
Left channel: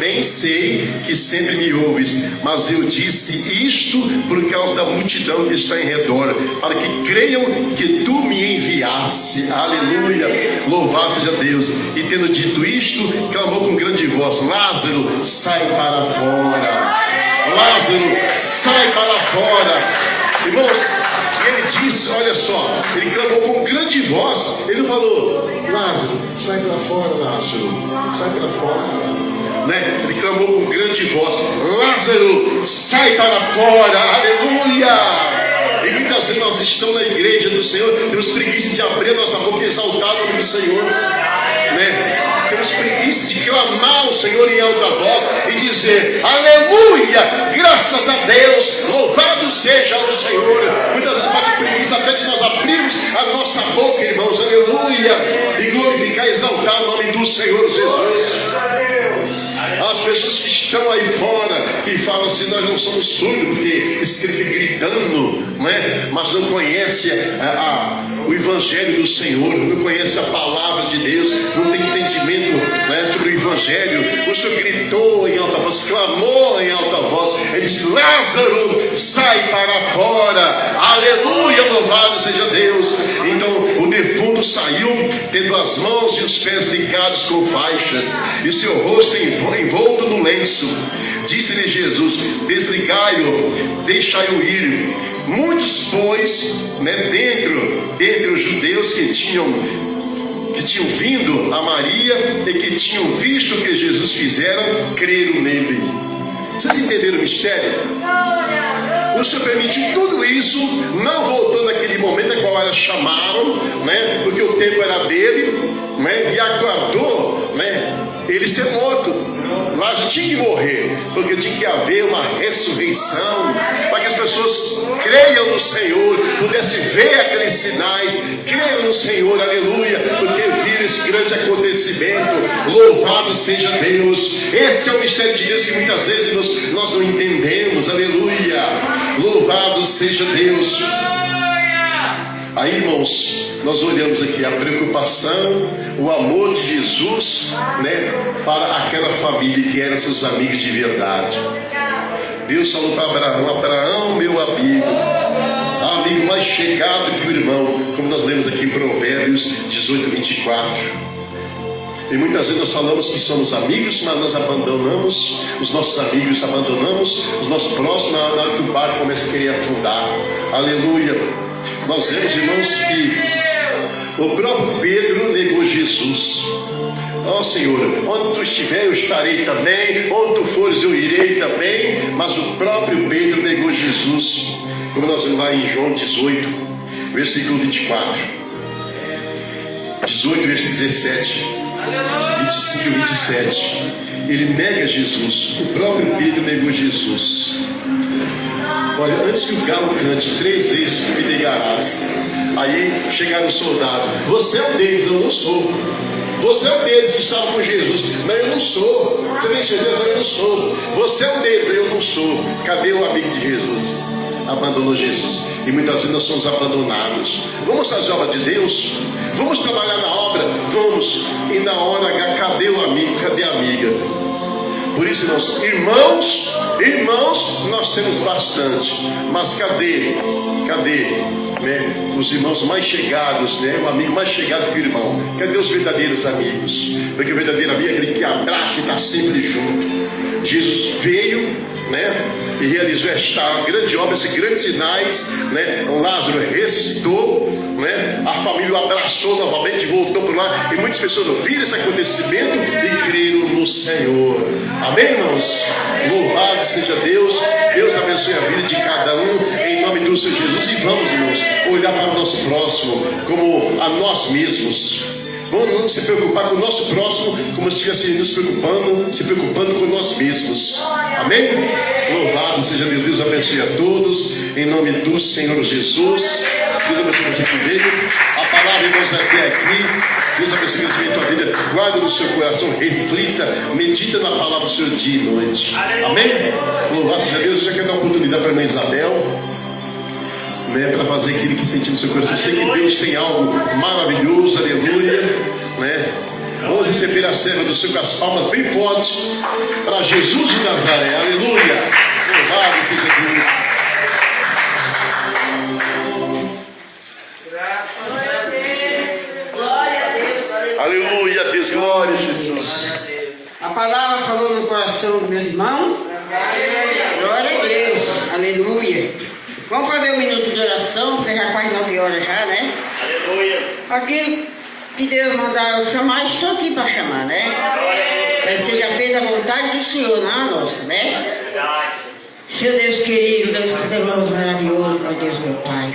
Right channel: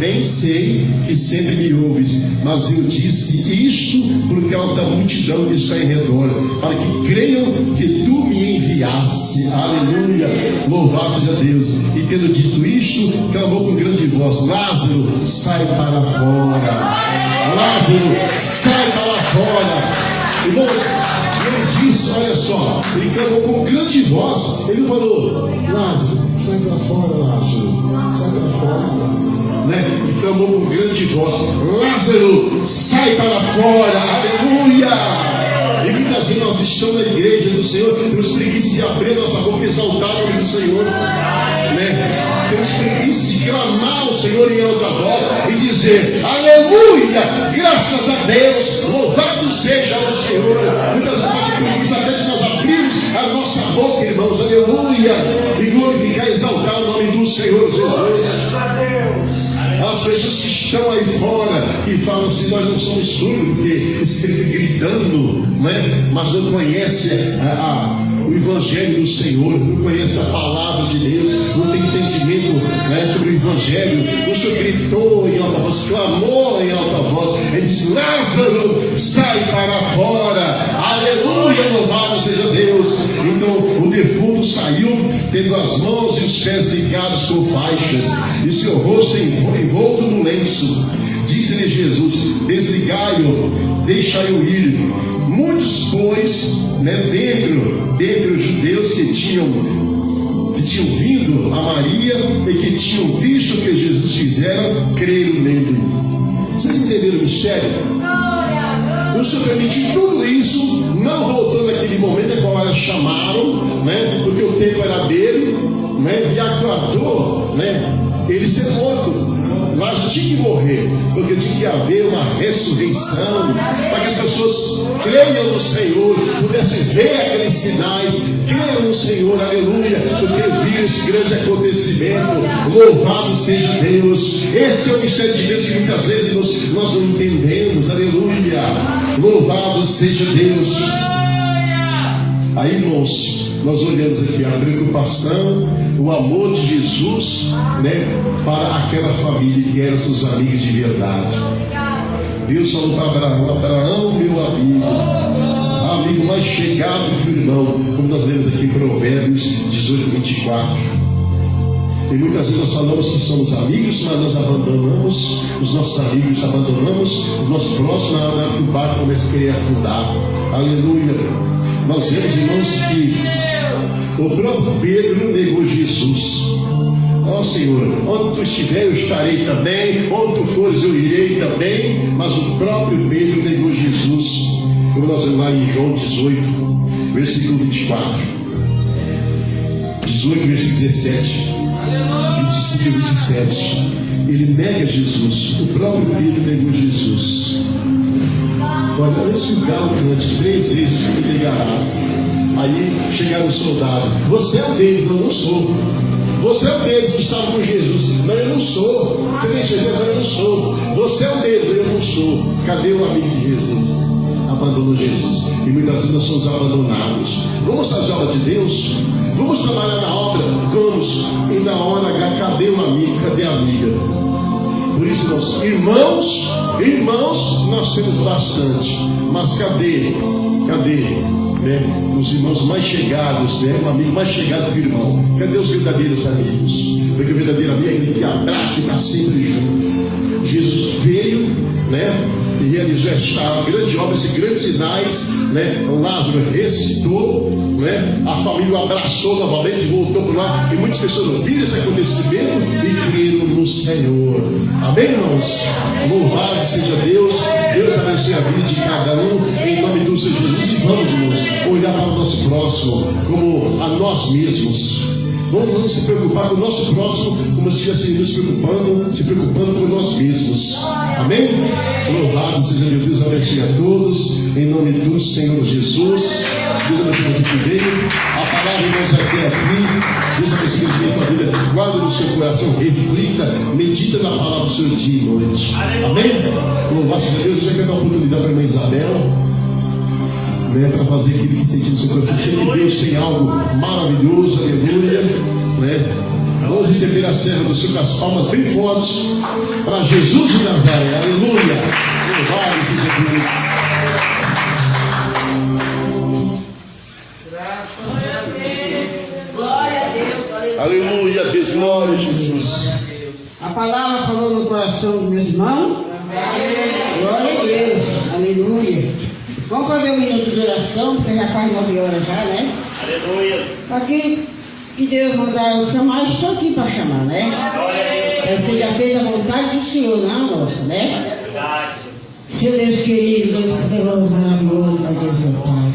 Bem sei que sempre me ouves, mas eu disse isto por causa da multidão que está em redor, para que creiam que tu me enviaste. Aleluia, louvado seja Deus. E tendo dito isto, clamou com grande voz: Lázaro, sai para fora. Lázaro, sai para fora. Irmãos, e ele disse, olha só, ele clamou com grande voz. Ele falou: Lázaro, sai para fora, Lázaro, sai para fora. Né? Ele clamou com grande voz: Lázaro, sai para fora. Aleluia. E muitas vezes nós estamos na igreja do Senhor, temos preguiça de abrir a nossa boca e exaltar o nome do Senhor, né? Temos preguiça de clamar ao Senhor em alta voz e dizer: aleluia, graças a Deus, louvado seja o Senhor. Muitas vezes nós temos preguiça até de nós abrirmos a nossa boca, irmãos, aleluia, e glorificar e exaltar o nome do Senhor Jesus. As pessoas que estão aí fora e falam assim: nós não somos surdos, porque esse fica gritando, né? Mas não conhece o Evangelho do Senhor, não conhece a palavra de Deus, não tem entendimento, né, sobre o Evangelho. O Senhor gritou em alta voz, clamou em alta voz, ele disse: Lázaro, sai para fora. Aleluia, louvado seja Deus. Então o defunto saiu, tendo as mãos e os pés ligados com faixas e seu rosto envolto no lenço. Disse-lhe Jesus: desligai-o, deixai-o ir. Muitos, pois, né, dentre os judeus que tinham vindo a Maria e que tinham visto o que Jesus fizeram, creram nele. Vocês entenderam o mistério? O Senhor permitiu tudo isso, não voltou naquele momento em qual elas chamaram, né, porque o tempo era dele, né, e aguardou, né, ele ser morto. Lázaro tinha que morrer, porque tinha que haver uma ressurreição, para que as pessoas creiam no Senhor, pudessem ver aqueles sinais, creiam no Senhor, aleluia, porque viram esse grande acontecimento. Louvado seja Deus. Esse é o mistério de Deus que muitas vezes nós não entendemos, aleluia. Louvado seja Deus. Aí, irmãos, nós olhamos aqui a preocupação, o amor de Jesus, né, para aquela família que eram seus amigos de verdade. Deus falou para Abraão: Abraão, meu amigo mais chegado que o irmão, como nós lemos aqui em Provérbios 18, 24. E muitas vezes nós falamos que somos amigos, mas nós abandonamos os nossos amigos, abandonamos os nossos próximos na hora que o barco começa a querer afundar. Aleluia. Nós vemos, irmãos, que o próprio Pedro negou Jesus. Ó Senhor, onde tu estiver eu estarei também, onde tu fores eu irei também. Mas o próprio Pedro negou Jesus, como nós vemos lá em João 18, versículo 24, 18, versículo 17, 25 e 27. Ele nega Jesus. O próprio Pedro negou Jesus. Olha, antes que o galo cante 3 vezes, me negarás. Aí chegaram os soldados: você é um deles, eu não sou. Você é um deles que estava com Jesus. Não, eu não sou. Você tem certeza? Não, eu não sou. Você é um deles, eu não sou. Cadê o amigo de Jesus? Abandonou Jesus. E muitas vezes nós somos abandonados. Vamos fazer a obra de Deus? Vamos trabalhar na obra? Vamos. E na hora H, cadê o amigo? Cadê a amiga? Por isso, irmãos, nós temos bastante. Mas cadê, né, os irmãos mais chegados, né, o amigo mais chegado que o irmão? Cadê os verdadeiros amigos? Porque o verdadeiro amigo é aquele que abraça e está sempre junto. Jesus veio, né, e realizou esta grande obra, esses grandes sinais, né? Lázaro ressuscitou, né? A família o abraçou novamente, voltou para lá, e muitas pessoas viram esse acontecimento e creram no Senhor. Amém, irmãos? Louvado seja Deus. Deus abençoe a vida de cada um, em nome do Senhor Jesus. E vamos, irmãos, olhar para o nosso próximo como a nós mesmos. Vamos não se preocupar com o nosso próximo como se estivesse se preocupando com nós mesmos. Amém? Louvado seja Deus. Deus abençoe a todos, em nome do Senhor Jesus. Deus abençoe você que veio. A palavra, irmãos, até aqui. Deus abençoe a tua vida. Guarda no seu coração, reflita, medita na palavra do Senhor dia e noite. Amém? Louvado seja Deus. Eu já quero dar uma oportunidade para a irmã Isabel, né, para fazer aquilo que sentiu no seu coração. Eu sei que Deus tem algo maravilhoso, aleluia, né? Vamos receber a serva do Senhor com as palmas bem fortes para Jesus de Nazaré, aleluia. Louvado seja Deus. Aleluia, Deus, glória a Jesus. A palavra falou no coração do meu irmão. Glória a Deus, aleluia. Vamos fazer um minuto de oração, porque já quase 9 horas já, né? Aleluia. Aqui que Deus mandar eu chamar, estou aqui para chamar, né? Mas você já fez a vontade do Senhor, não a nossa, né? Seu Deus querido, Deus poderoso, maravilhoso, meu Deus, meu Pai.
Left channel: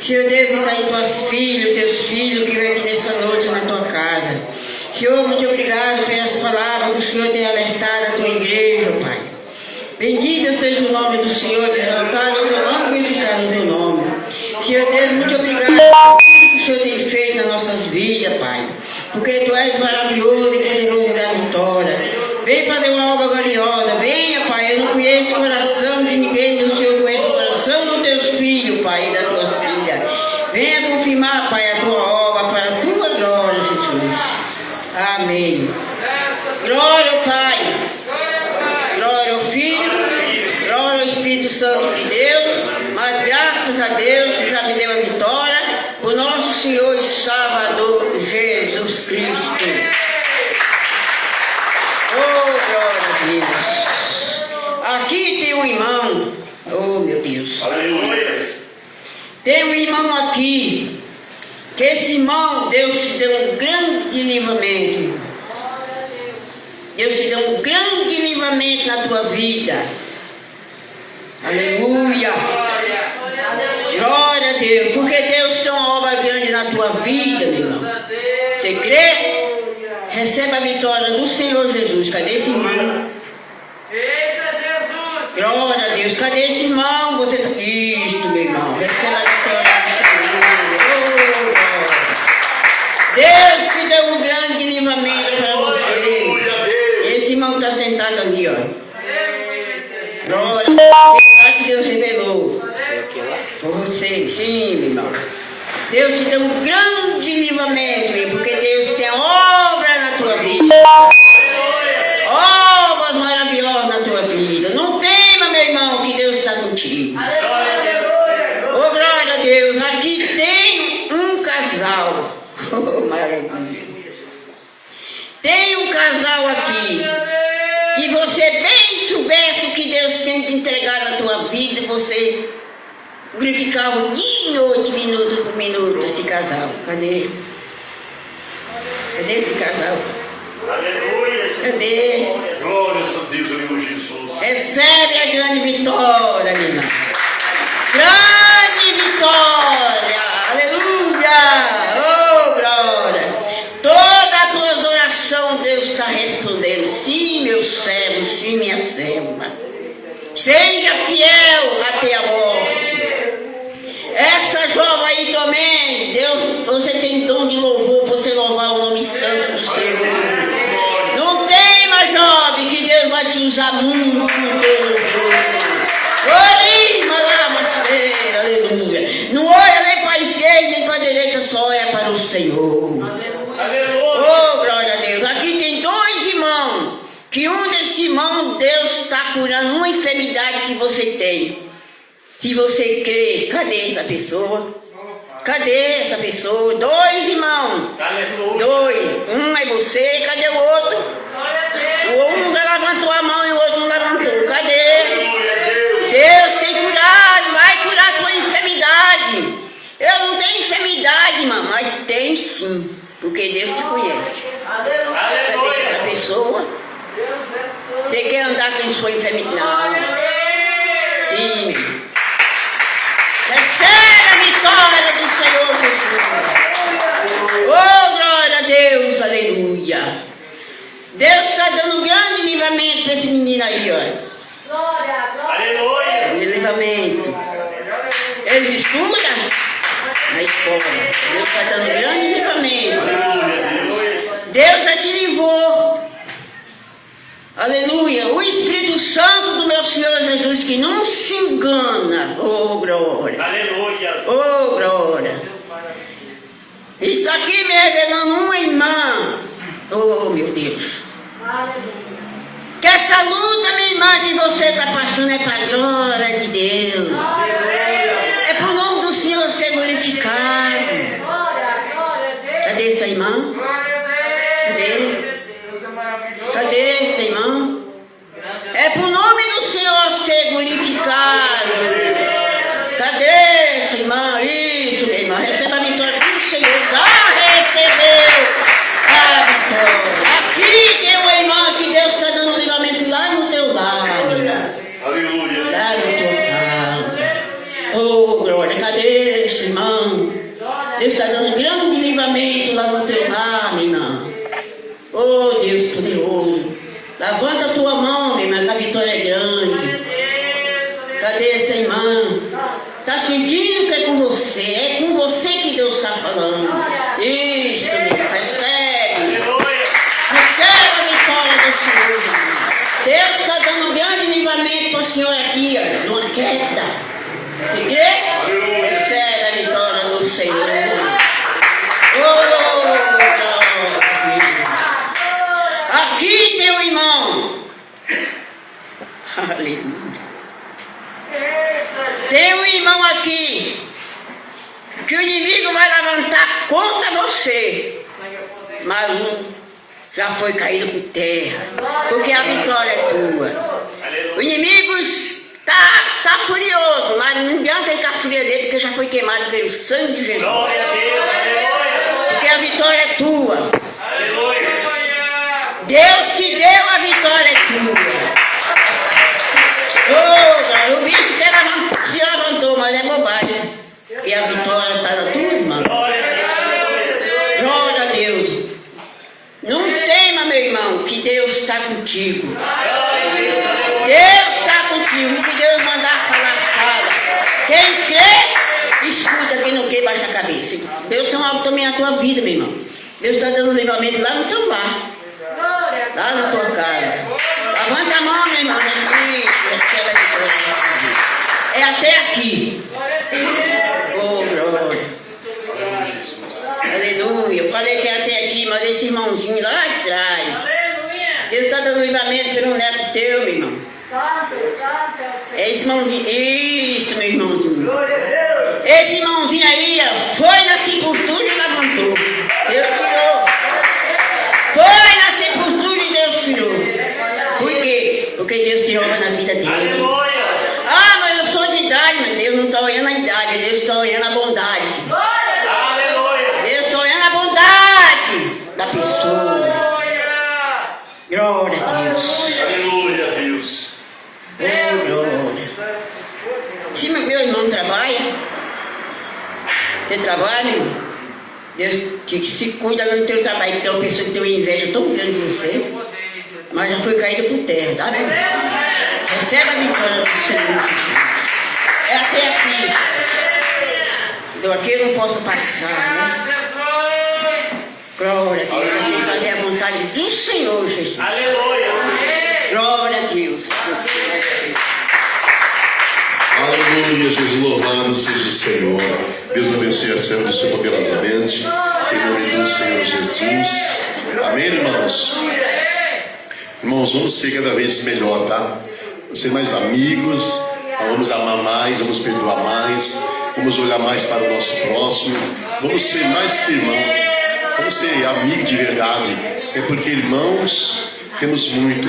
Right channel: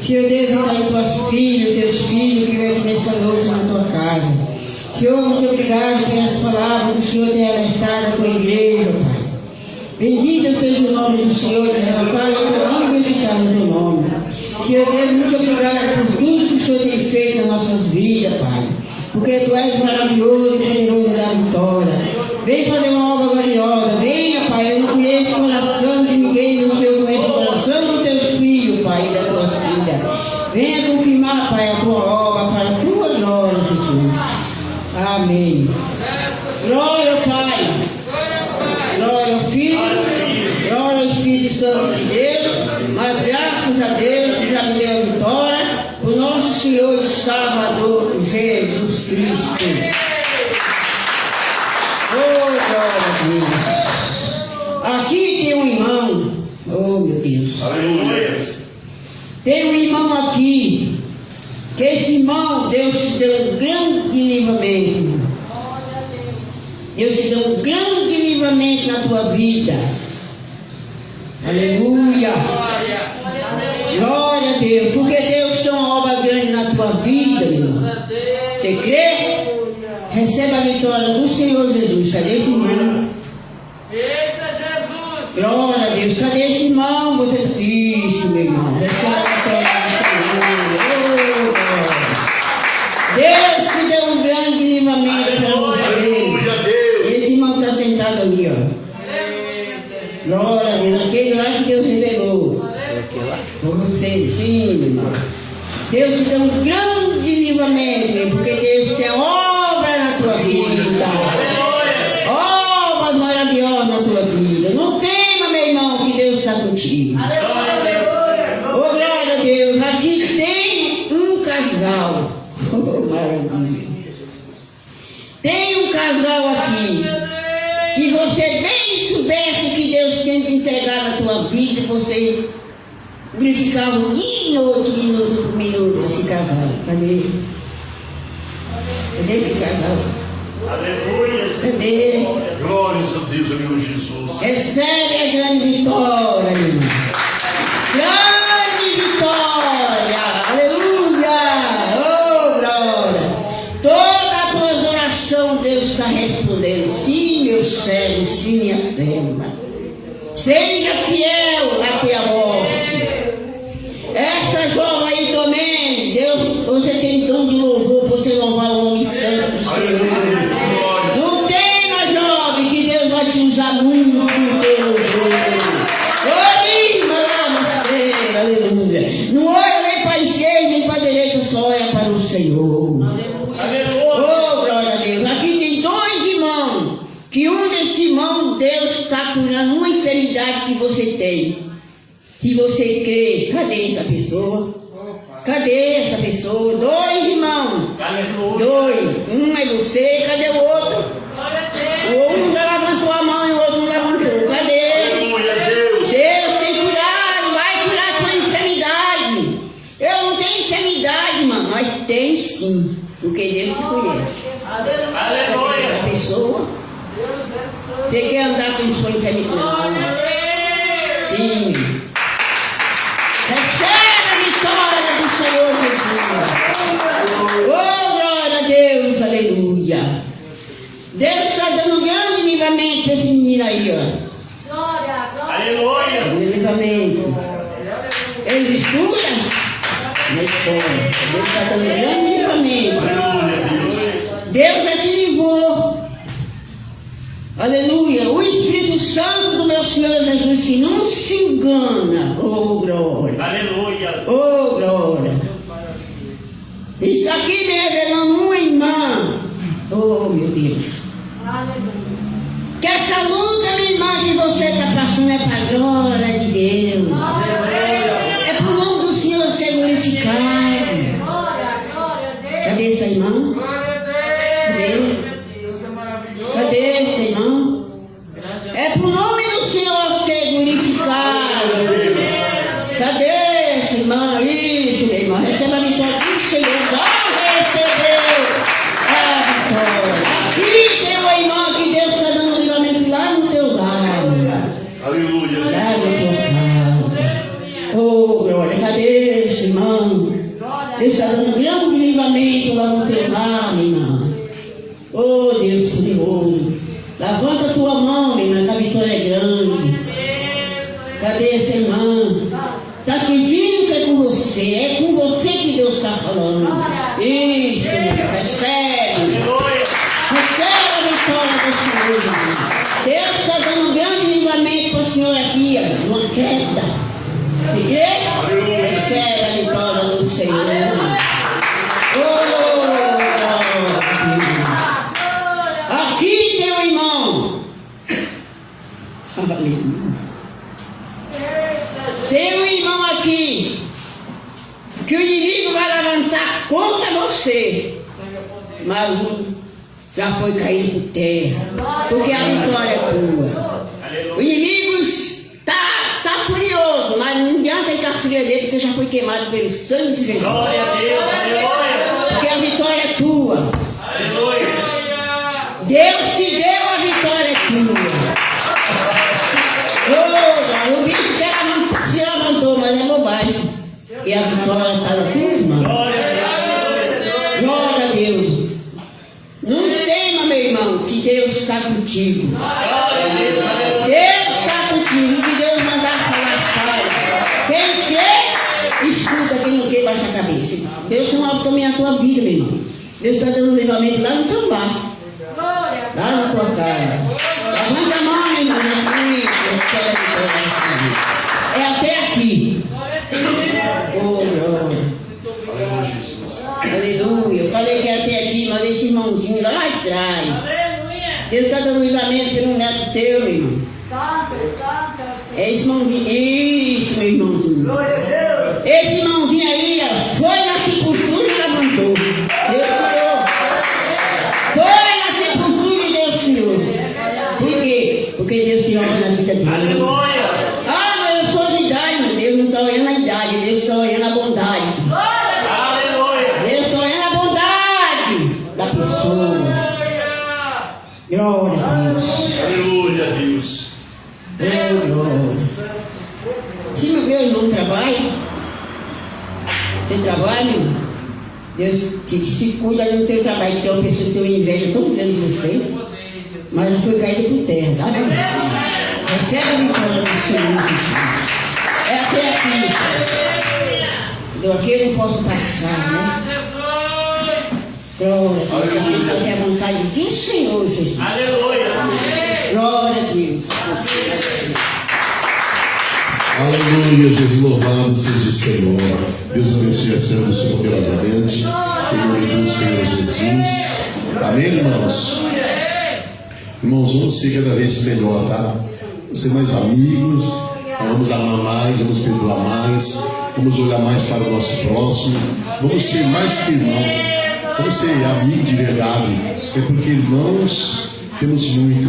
Senhor Deus, está aí teus filhos que vêm aqui nessa noite na tua casa. Senhor, muito obrigado pelas palavras que o Senhor tem alertado a tua igreja, Pai. Bendito seja o nome do Senhor, exaltado o teu nome, glorificado o teu nome. Senhor Deus, muito obrigado por tudo que o Senhor tem feito nas nossas vidas, Pai. Porque tu és maravilhoso e poderoso da vitória. Vem fazer uma obra gloriosa. Venha, Pai. Eu não conheço o coração de ninguém, o Senhor conhece o coração dos teus filhos, Pai, e das tuas filhas. Venha confirmar, Pai, a tua obra para a tua glória, Jesus. Amém. Glória ao Pai. Glória ao Filho. Glória ao Espírito Santo de Deus. Mas graças a Deus que já me deu a vitória. O nosso Senhor e Salvador Jesus Cristo. Oh, glória a Deus. Aqui tem um irmão. Oh, meu Deus. Aleluia. Tem um irmão aqui. Que esse irmão, Deus te deu um grande livramento. Deus te deu um grande livramento na tua vida. Aleluia. Glória a Deus. Porque Deus tem uma obra grande na tua vida, meu irmão. Você crê? Receba a vitória do Senhor Jesus. Cadê esse irmão? Eita, Jesus! Glória a Deus. Cadê esse irmão? Você... Isso, meu irmão. Receba a vitória do Senhor. Oh, glória. Deus te deu um grande livramento para você. Aleluia, Deus. Esse irmão está sentado ali, ó. Glória a Deus. Veio lá que Deus revelou. Por você, sim, meu irmão. Deus te deu um grande livramento, meu, porque Deus tem a obra na tua vida. Obras maravilhosas na tua vida. Não tema, meu irmão, que Deus está contigo. Oh, glória a Deus. Aqui tem um casal. Oh, maravilha. Tem um casal aqui. E você bem soubesse o que Deus tem te entregado na tua vida, você glorificava de noite, minuto por minuto, esse casal. Cadê? Cadê esse casal? Aleluia! Cadê? Glórias a Deus, aleluia, Jesus. Recebe a grande vitória, minha irmã. Grande vitória! Aleluia! Oh, glória! Todas as tuas orações Deus está respondendo. Sim, meu servo, sim, minha serva. Seja fiel até a morte. Essa jovem aí também, Deus, você tem dom de louvor, você louvar o nome santo do Senhor. Não tema, jovem, que Deus vai te usar muito em teu louvor. Aleluia. Não olha nem para a esquerda nem para a direita, só olha para o Senhor. Oh, glória a Deus. Aqui tem dois irmãos, que um desses irmãos, Deus está curando uma enfermidade que você tem. Se você crê, cadê essa pessoa? Cadê essa pessoa? Dois irmãos. Dois. Um é você, cadê o outro? O um já levantou a mão e o outro não levantou. Cadê? Deus tem curado, vai curar a tua enfermidade. Eu não tenho enfermidade, irmão, mas tem sim, porque Deus te conhece. Cadê essa pessoa? Você quer andar com sua enfermidade? Não. Sim, meu. Recebe a vitória do Senhor Jesus. Oh, glória a Deus, aleluia. Deus está dando um grande livramento para esse menino aí, ó. Aleluia! Grande livramento. Ele estuda na escola. Deus está dando um grande livramento. Deus já te livrou. Aleluia. O Espírito Santo do meu Senhor Jesus, que não se engana. Oh, glória. Aleluia! Oh, glória. Isso aqui me revelando uma irmã. Oh, meu Deus. Que essa luta, minha irmã, que você está passando é para a glória de Deus. É para o nome do Senhor ser glorificado. Cadê essa irmã? Cadê? Cadê esse irmão? É para o nome do Senhor ser glorificado. Cadê esse irmão? Isso, minha irmã. Receba a vitória do Senhor. Já recebeu a vitória. Aqui tem uma irmã que Deus está dando um livramento lá no teu lar, minha. Aleluia. Lá na tua casa. Oh, glória. Cadê esse irmão? Deus está dando um grande livramento lá no teu lar, minha irmã. Oh, Deus poderoso. Levanta a tua mão, minha irmã, que a vitória é grande. Cadê essa irmã? Está sentindo que é com você? É com você que Deus está falando. Isso, minha irmã, recebe. Recebe a vitória do Senhor. Deus está dando um grande livramento para o Senhor aqui, ó, numa queda. Você crê? Recebe a vitória do Senhor. Oh, aqui tem um irmão. Aleluia. Tem um irmão aqui que o inimigo vai levantar contra você. Mas um já foi caído por terra. Porque a vitória é tua. O inimigo está furioso, mas não adianta ele ficar frio dele, porque já foi queimado pelo sangue de Jesus. Porque a vitória é tua. Deus te deu, a vitória é tua. Oh, o bicho se levantou, mas é bobagem. E a vitória está na tua mão. Glória a Deus. Não tem irmão, que Deus está contigo. Deus está contigo. Que Deus mandar falar, fala. Quem crê, escuta. Quem não crê, baixa a cabeça. Deus tem algo também na tua vida, meu irmão. Deus está dando livramento lá no teu lar. Lá na tua casa. Levanta a mão, meu irmão. É até aqui. Oh, glória. Aleluia. Eu falei que era até aqui, mas esse irmãozinho lá atrás. Deus está dando livramento pelo neto teu, meu irmão. É esse irmãozinho. Isso, meu irmãozinho. Esse irmãozinho aí, ó, foi na sepultura e levantou. Deus tirou. Foi na sepultura e Deus tirou. Por quê? Porque Deus tem obra na vida dele. Ah, mas eu sou de idade, mas Deus não está olhando a idade, Deus está olhando a bondade. Deus está olhando a bondade da pessoa. Glória a Deus. Aleluia, Deus. Oh, glória. Se meu irmão trabalha, você trabalha, irmão? Deus se cuida no teu trabalho, que tem uma pessoa que tem uma inveja tão grande de você, mas já foi caída por terra, tá vendo? Recebe a vitória do Senhor Jesus. É até aqui. Então aqui eu não posso passar, né? Glória a Deus. Eu tenho que fazer a vontade do Senhor Jesus. Glória a Deus. Aleluia, Jesus, louvado seja o Senhor. Deus abençoe a cena do Senhor poderosamente. Em nome do Senhor Jesus. Amém, irmãos? Irmãos, vamos ser cada vez melhor, tá? Ser mais amigos, vamos amar mais, vamos perdoar mais, vamos olhar mais para o nosso próximo, vamos ser mais que irmão, vamos ser amigo de verdade. É porque irmãos temos muito,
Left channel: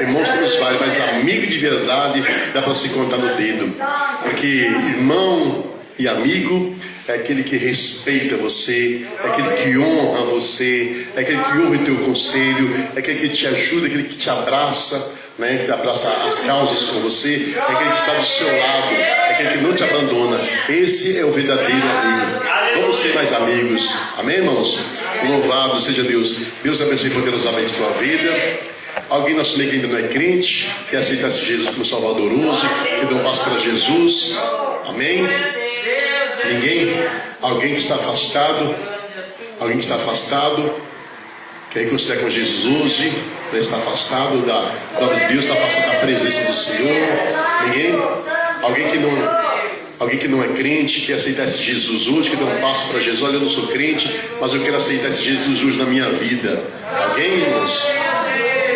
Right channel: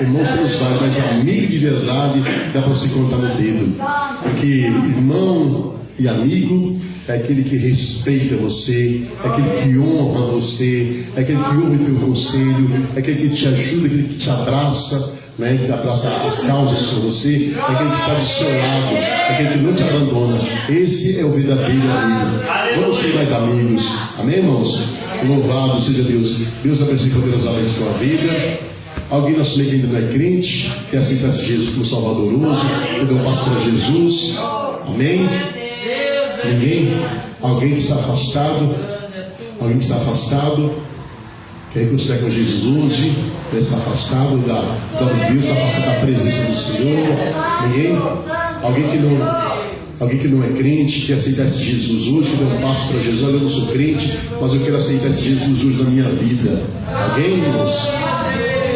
irmãos temos vários, mas amigo de verdade dá para se contar no dedo. Porque irmão e amigo é aquele que respeita você, é aquele que honra você, é aquele que ouve o teu conselho, é aquele que te ajuda, é aquele que te abraça, né, que abraça as causas com você, é aquele que está do seu lado, é aquele que não te abandona. Esse é o verdadeiro amigo. Vamos ser mais amigos. Amém, irmãos? Louvado seja Deus. Deus abençoe poderosamente a tua vida. Alguém na sua igreja que ainda não é crente, que aceitasse Jesus como salvadoroso, que deu um passo para Jesus. Amém? Ninguém? Alguém que está afastado? Alguém que está afastado? Quer considerar com Jesus hoje? Está afastado da glória de Deus, está afastado da presença do Senhor? Ninguém? Alguém que não é crente, que aceitar esse Jesus hoje, que dá um passo para Jesus. Olha, eu não sou crente, mas eu quero aceitar esse Jesus hoje na minha vida. Alguém, irmãos?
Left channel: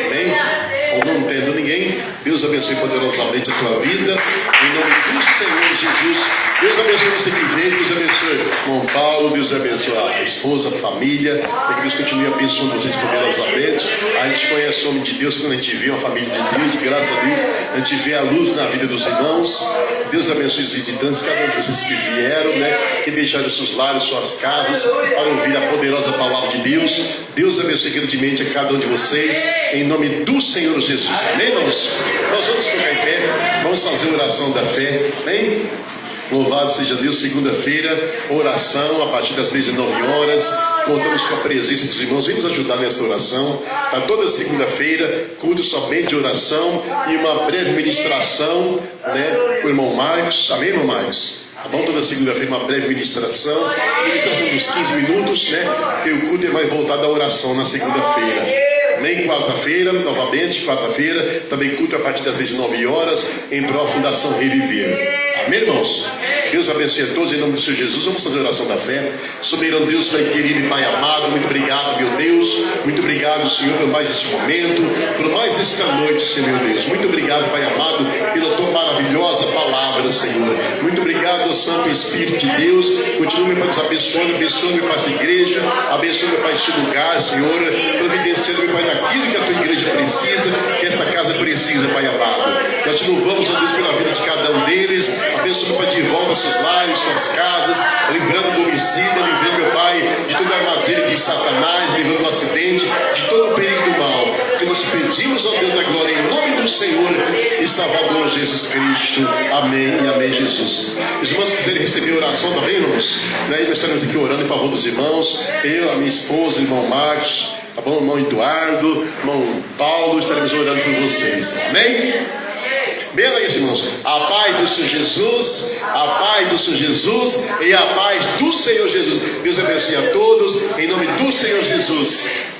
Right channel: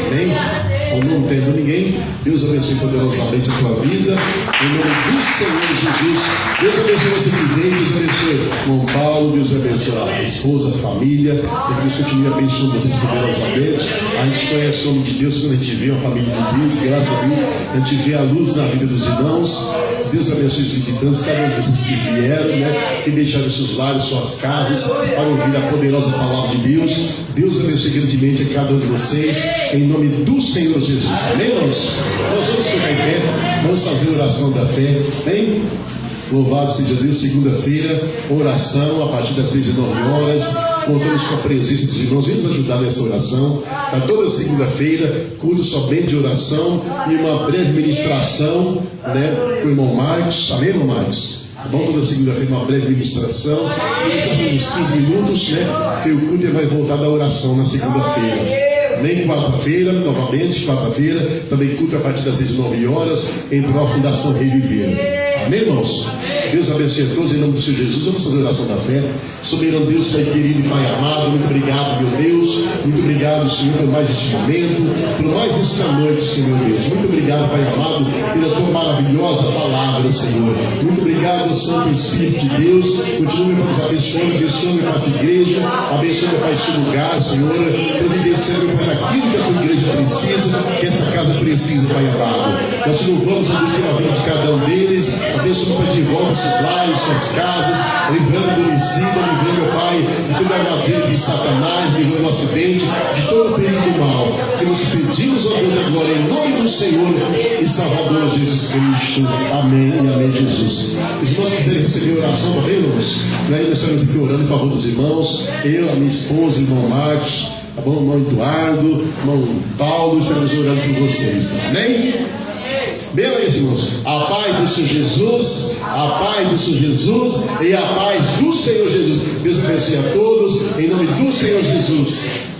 Amém? Ou não entendo ninguém? Deus abençoe poderosamente a tua vida. Em nome do Senhor Jesus. Deus abençoe você que vem. Deus abençoe o irmão Paulo. Deus abençoe a esposa, a família. Que Deus continue abençoando vocês poderosamente. A gente conhece o nome de Deus quando a gente vê uma família de Deus. Graças a Deus, a gente vê a luz na vida dos irmãos. Deus abençoe os visitantes, cada um de vocês que vieram, né? Que deixaram seus lares, suas casas, para ouvir a poderosa palavra de Deus. Deus abençoe grandemente a cada um de vocês, em nome do Senhor Jesus. Amém, irmãos? Nós vamos ficar em pé, vamos fazer a oração da fé. Amém? Louvado seja Deus. Segunda-feira, oração a partir das 19 horas. Contamos com a presença dos irmãos. Vem nos ajudar nessa oração. Tá toda segunda-feira, culto somente de oração e uma breve ministração, né, com o irmão Marcos. Amém, irmão Marcos? Tá bom? Toda segunda-feira uma breve ministração dos 15 minutos, né? E o culto é mais voltado à oração na segunda-feira. Nem quarta-feira, novamente, quarta-feira, também culto a partir das 19 horas, em prol da Fundação Reviver. Amém, irmãos? Deus abençoe a todos em nome do Senhor Jesus. Vamos fazer a oração da fé. Soberano Deus, Pai querido e Pai amado, muito obrigado, meu Deus. Muito obrigado, Senhor, por mais este momento, por mais esta noite, Senhor Deus. Muito obrigado, Pai amado, pela tua maravilhosa palavra, Senhor. Muito obrigado, Santo Espírito de Deus. Continue, meu Pai, nos abençoando, meu Pai, essa igreja. Abençoe, meu Pai, este lugar, Senhor. Providenciando, meu Pai, daquilo que a tua igreja precisa, que esta casa precisa, Pai amado. Nós te louvamos, ó Deus, pela vida de cada um deles. Abençoe, meu Pai, de volta seus lares, suas casas, livrando do homicídio, livrando, meu Pai, de toda a armadilha de Satanás, livrando do acidente, de todo o perigo do mal. Que nós pedimos, ó Deus da glória, em nome do Senhor e Salvador Jesus Cristo. Amém e amém, Jesus. Os irmãos quiserem receber oração também, irmãos, né? Nós estamos aqui orando em favor dos irmãos. Eu, a minha esposa, o irmão Marcos, Tá bom? Irmão Eduardo, irmão Paulo, estaremos orando por vocês. Amém? Beleza, irmãos. A paz do Senhor Jesus, a paz do Senhor Jesus e a paz do Senhor Jesus. Deus abençoe a todos, em nome do Senhor Jesus.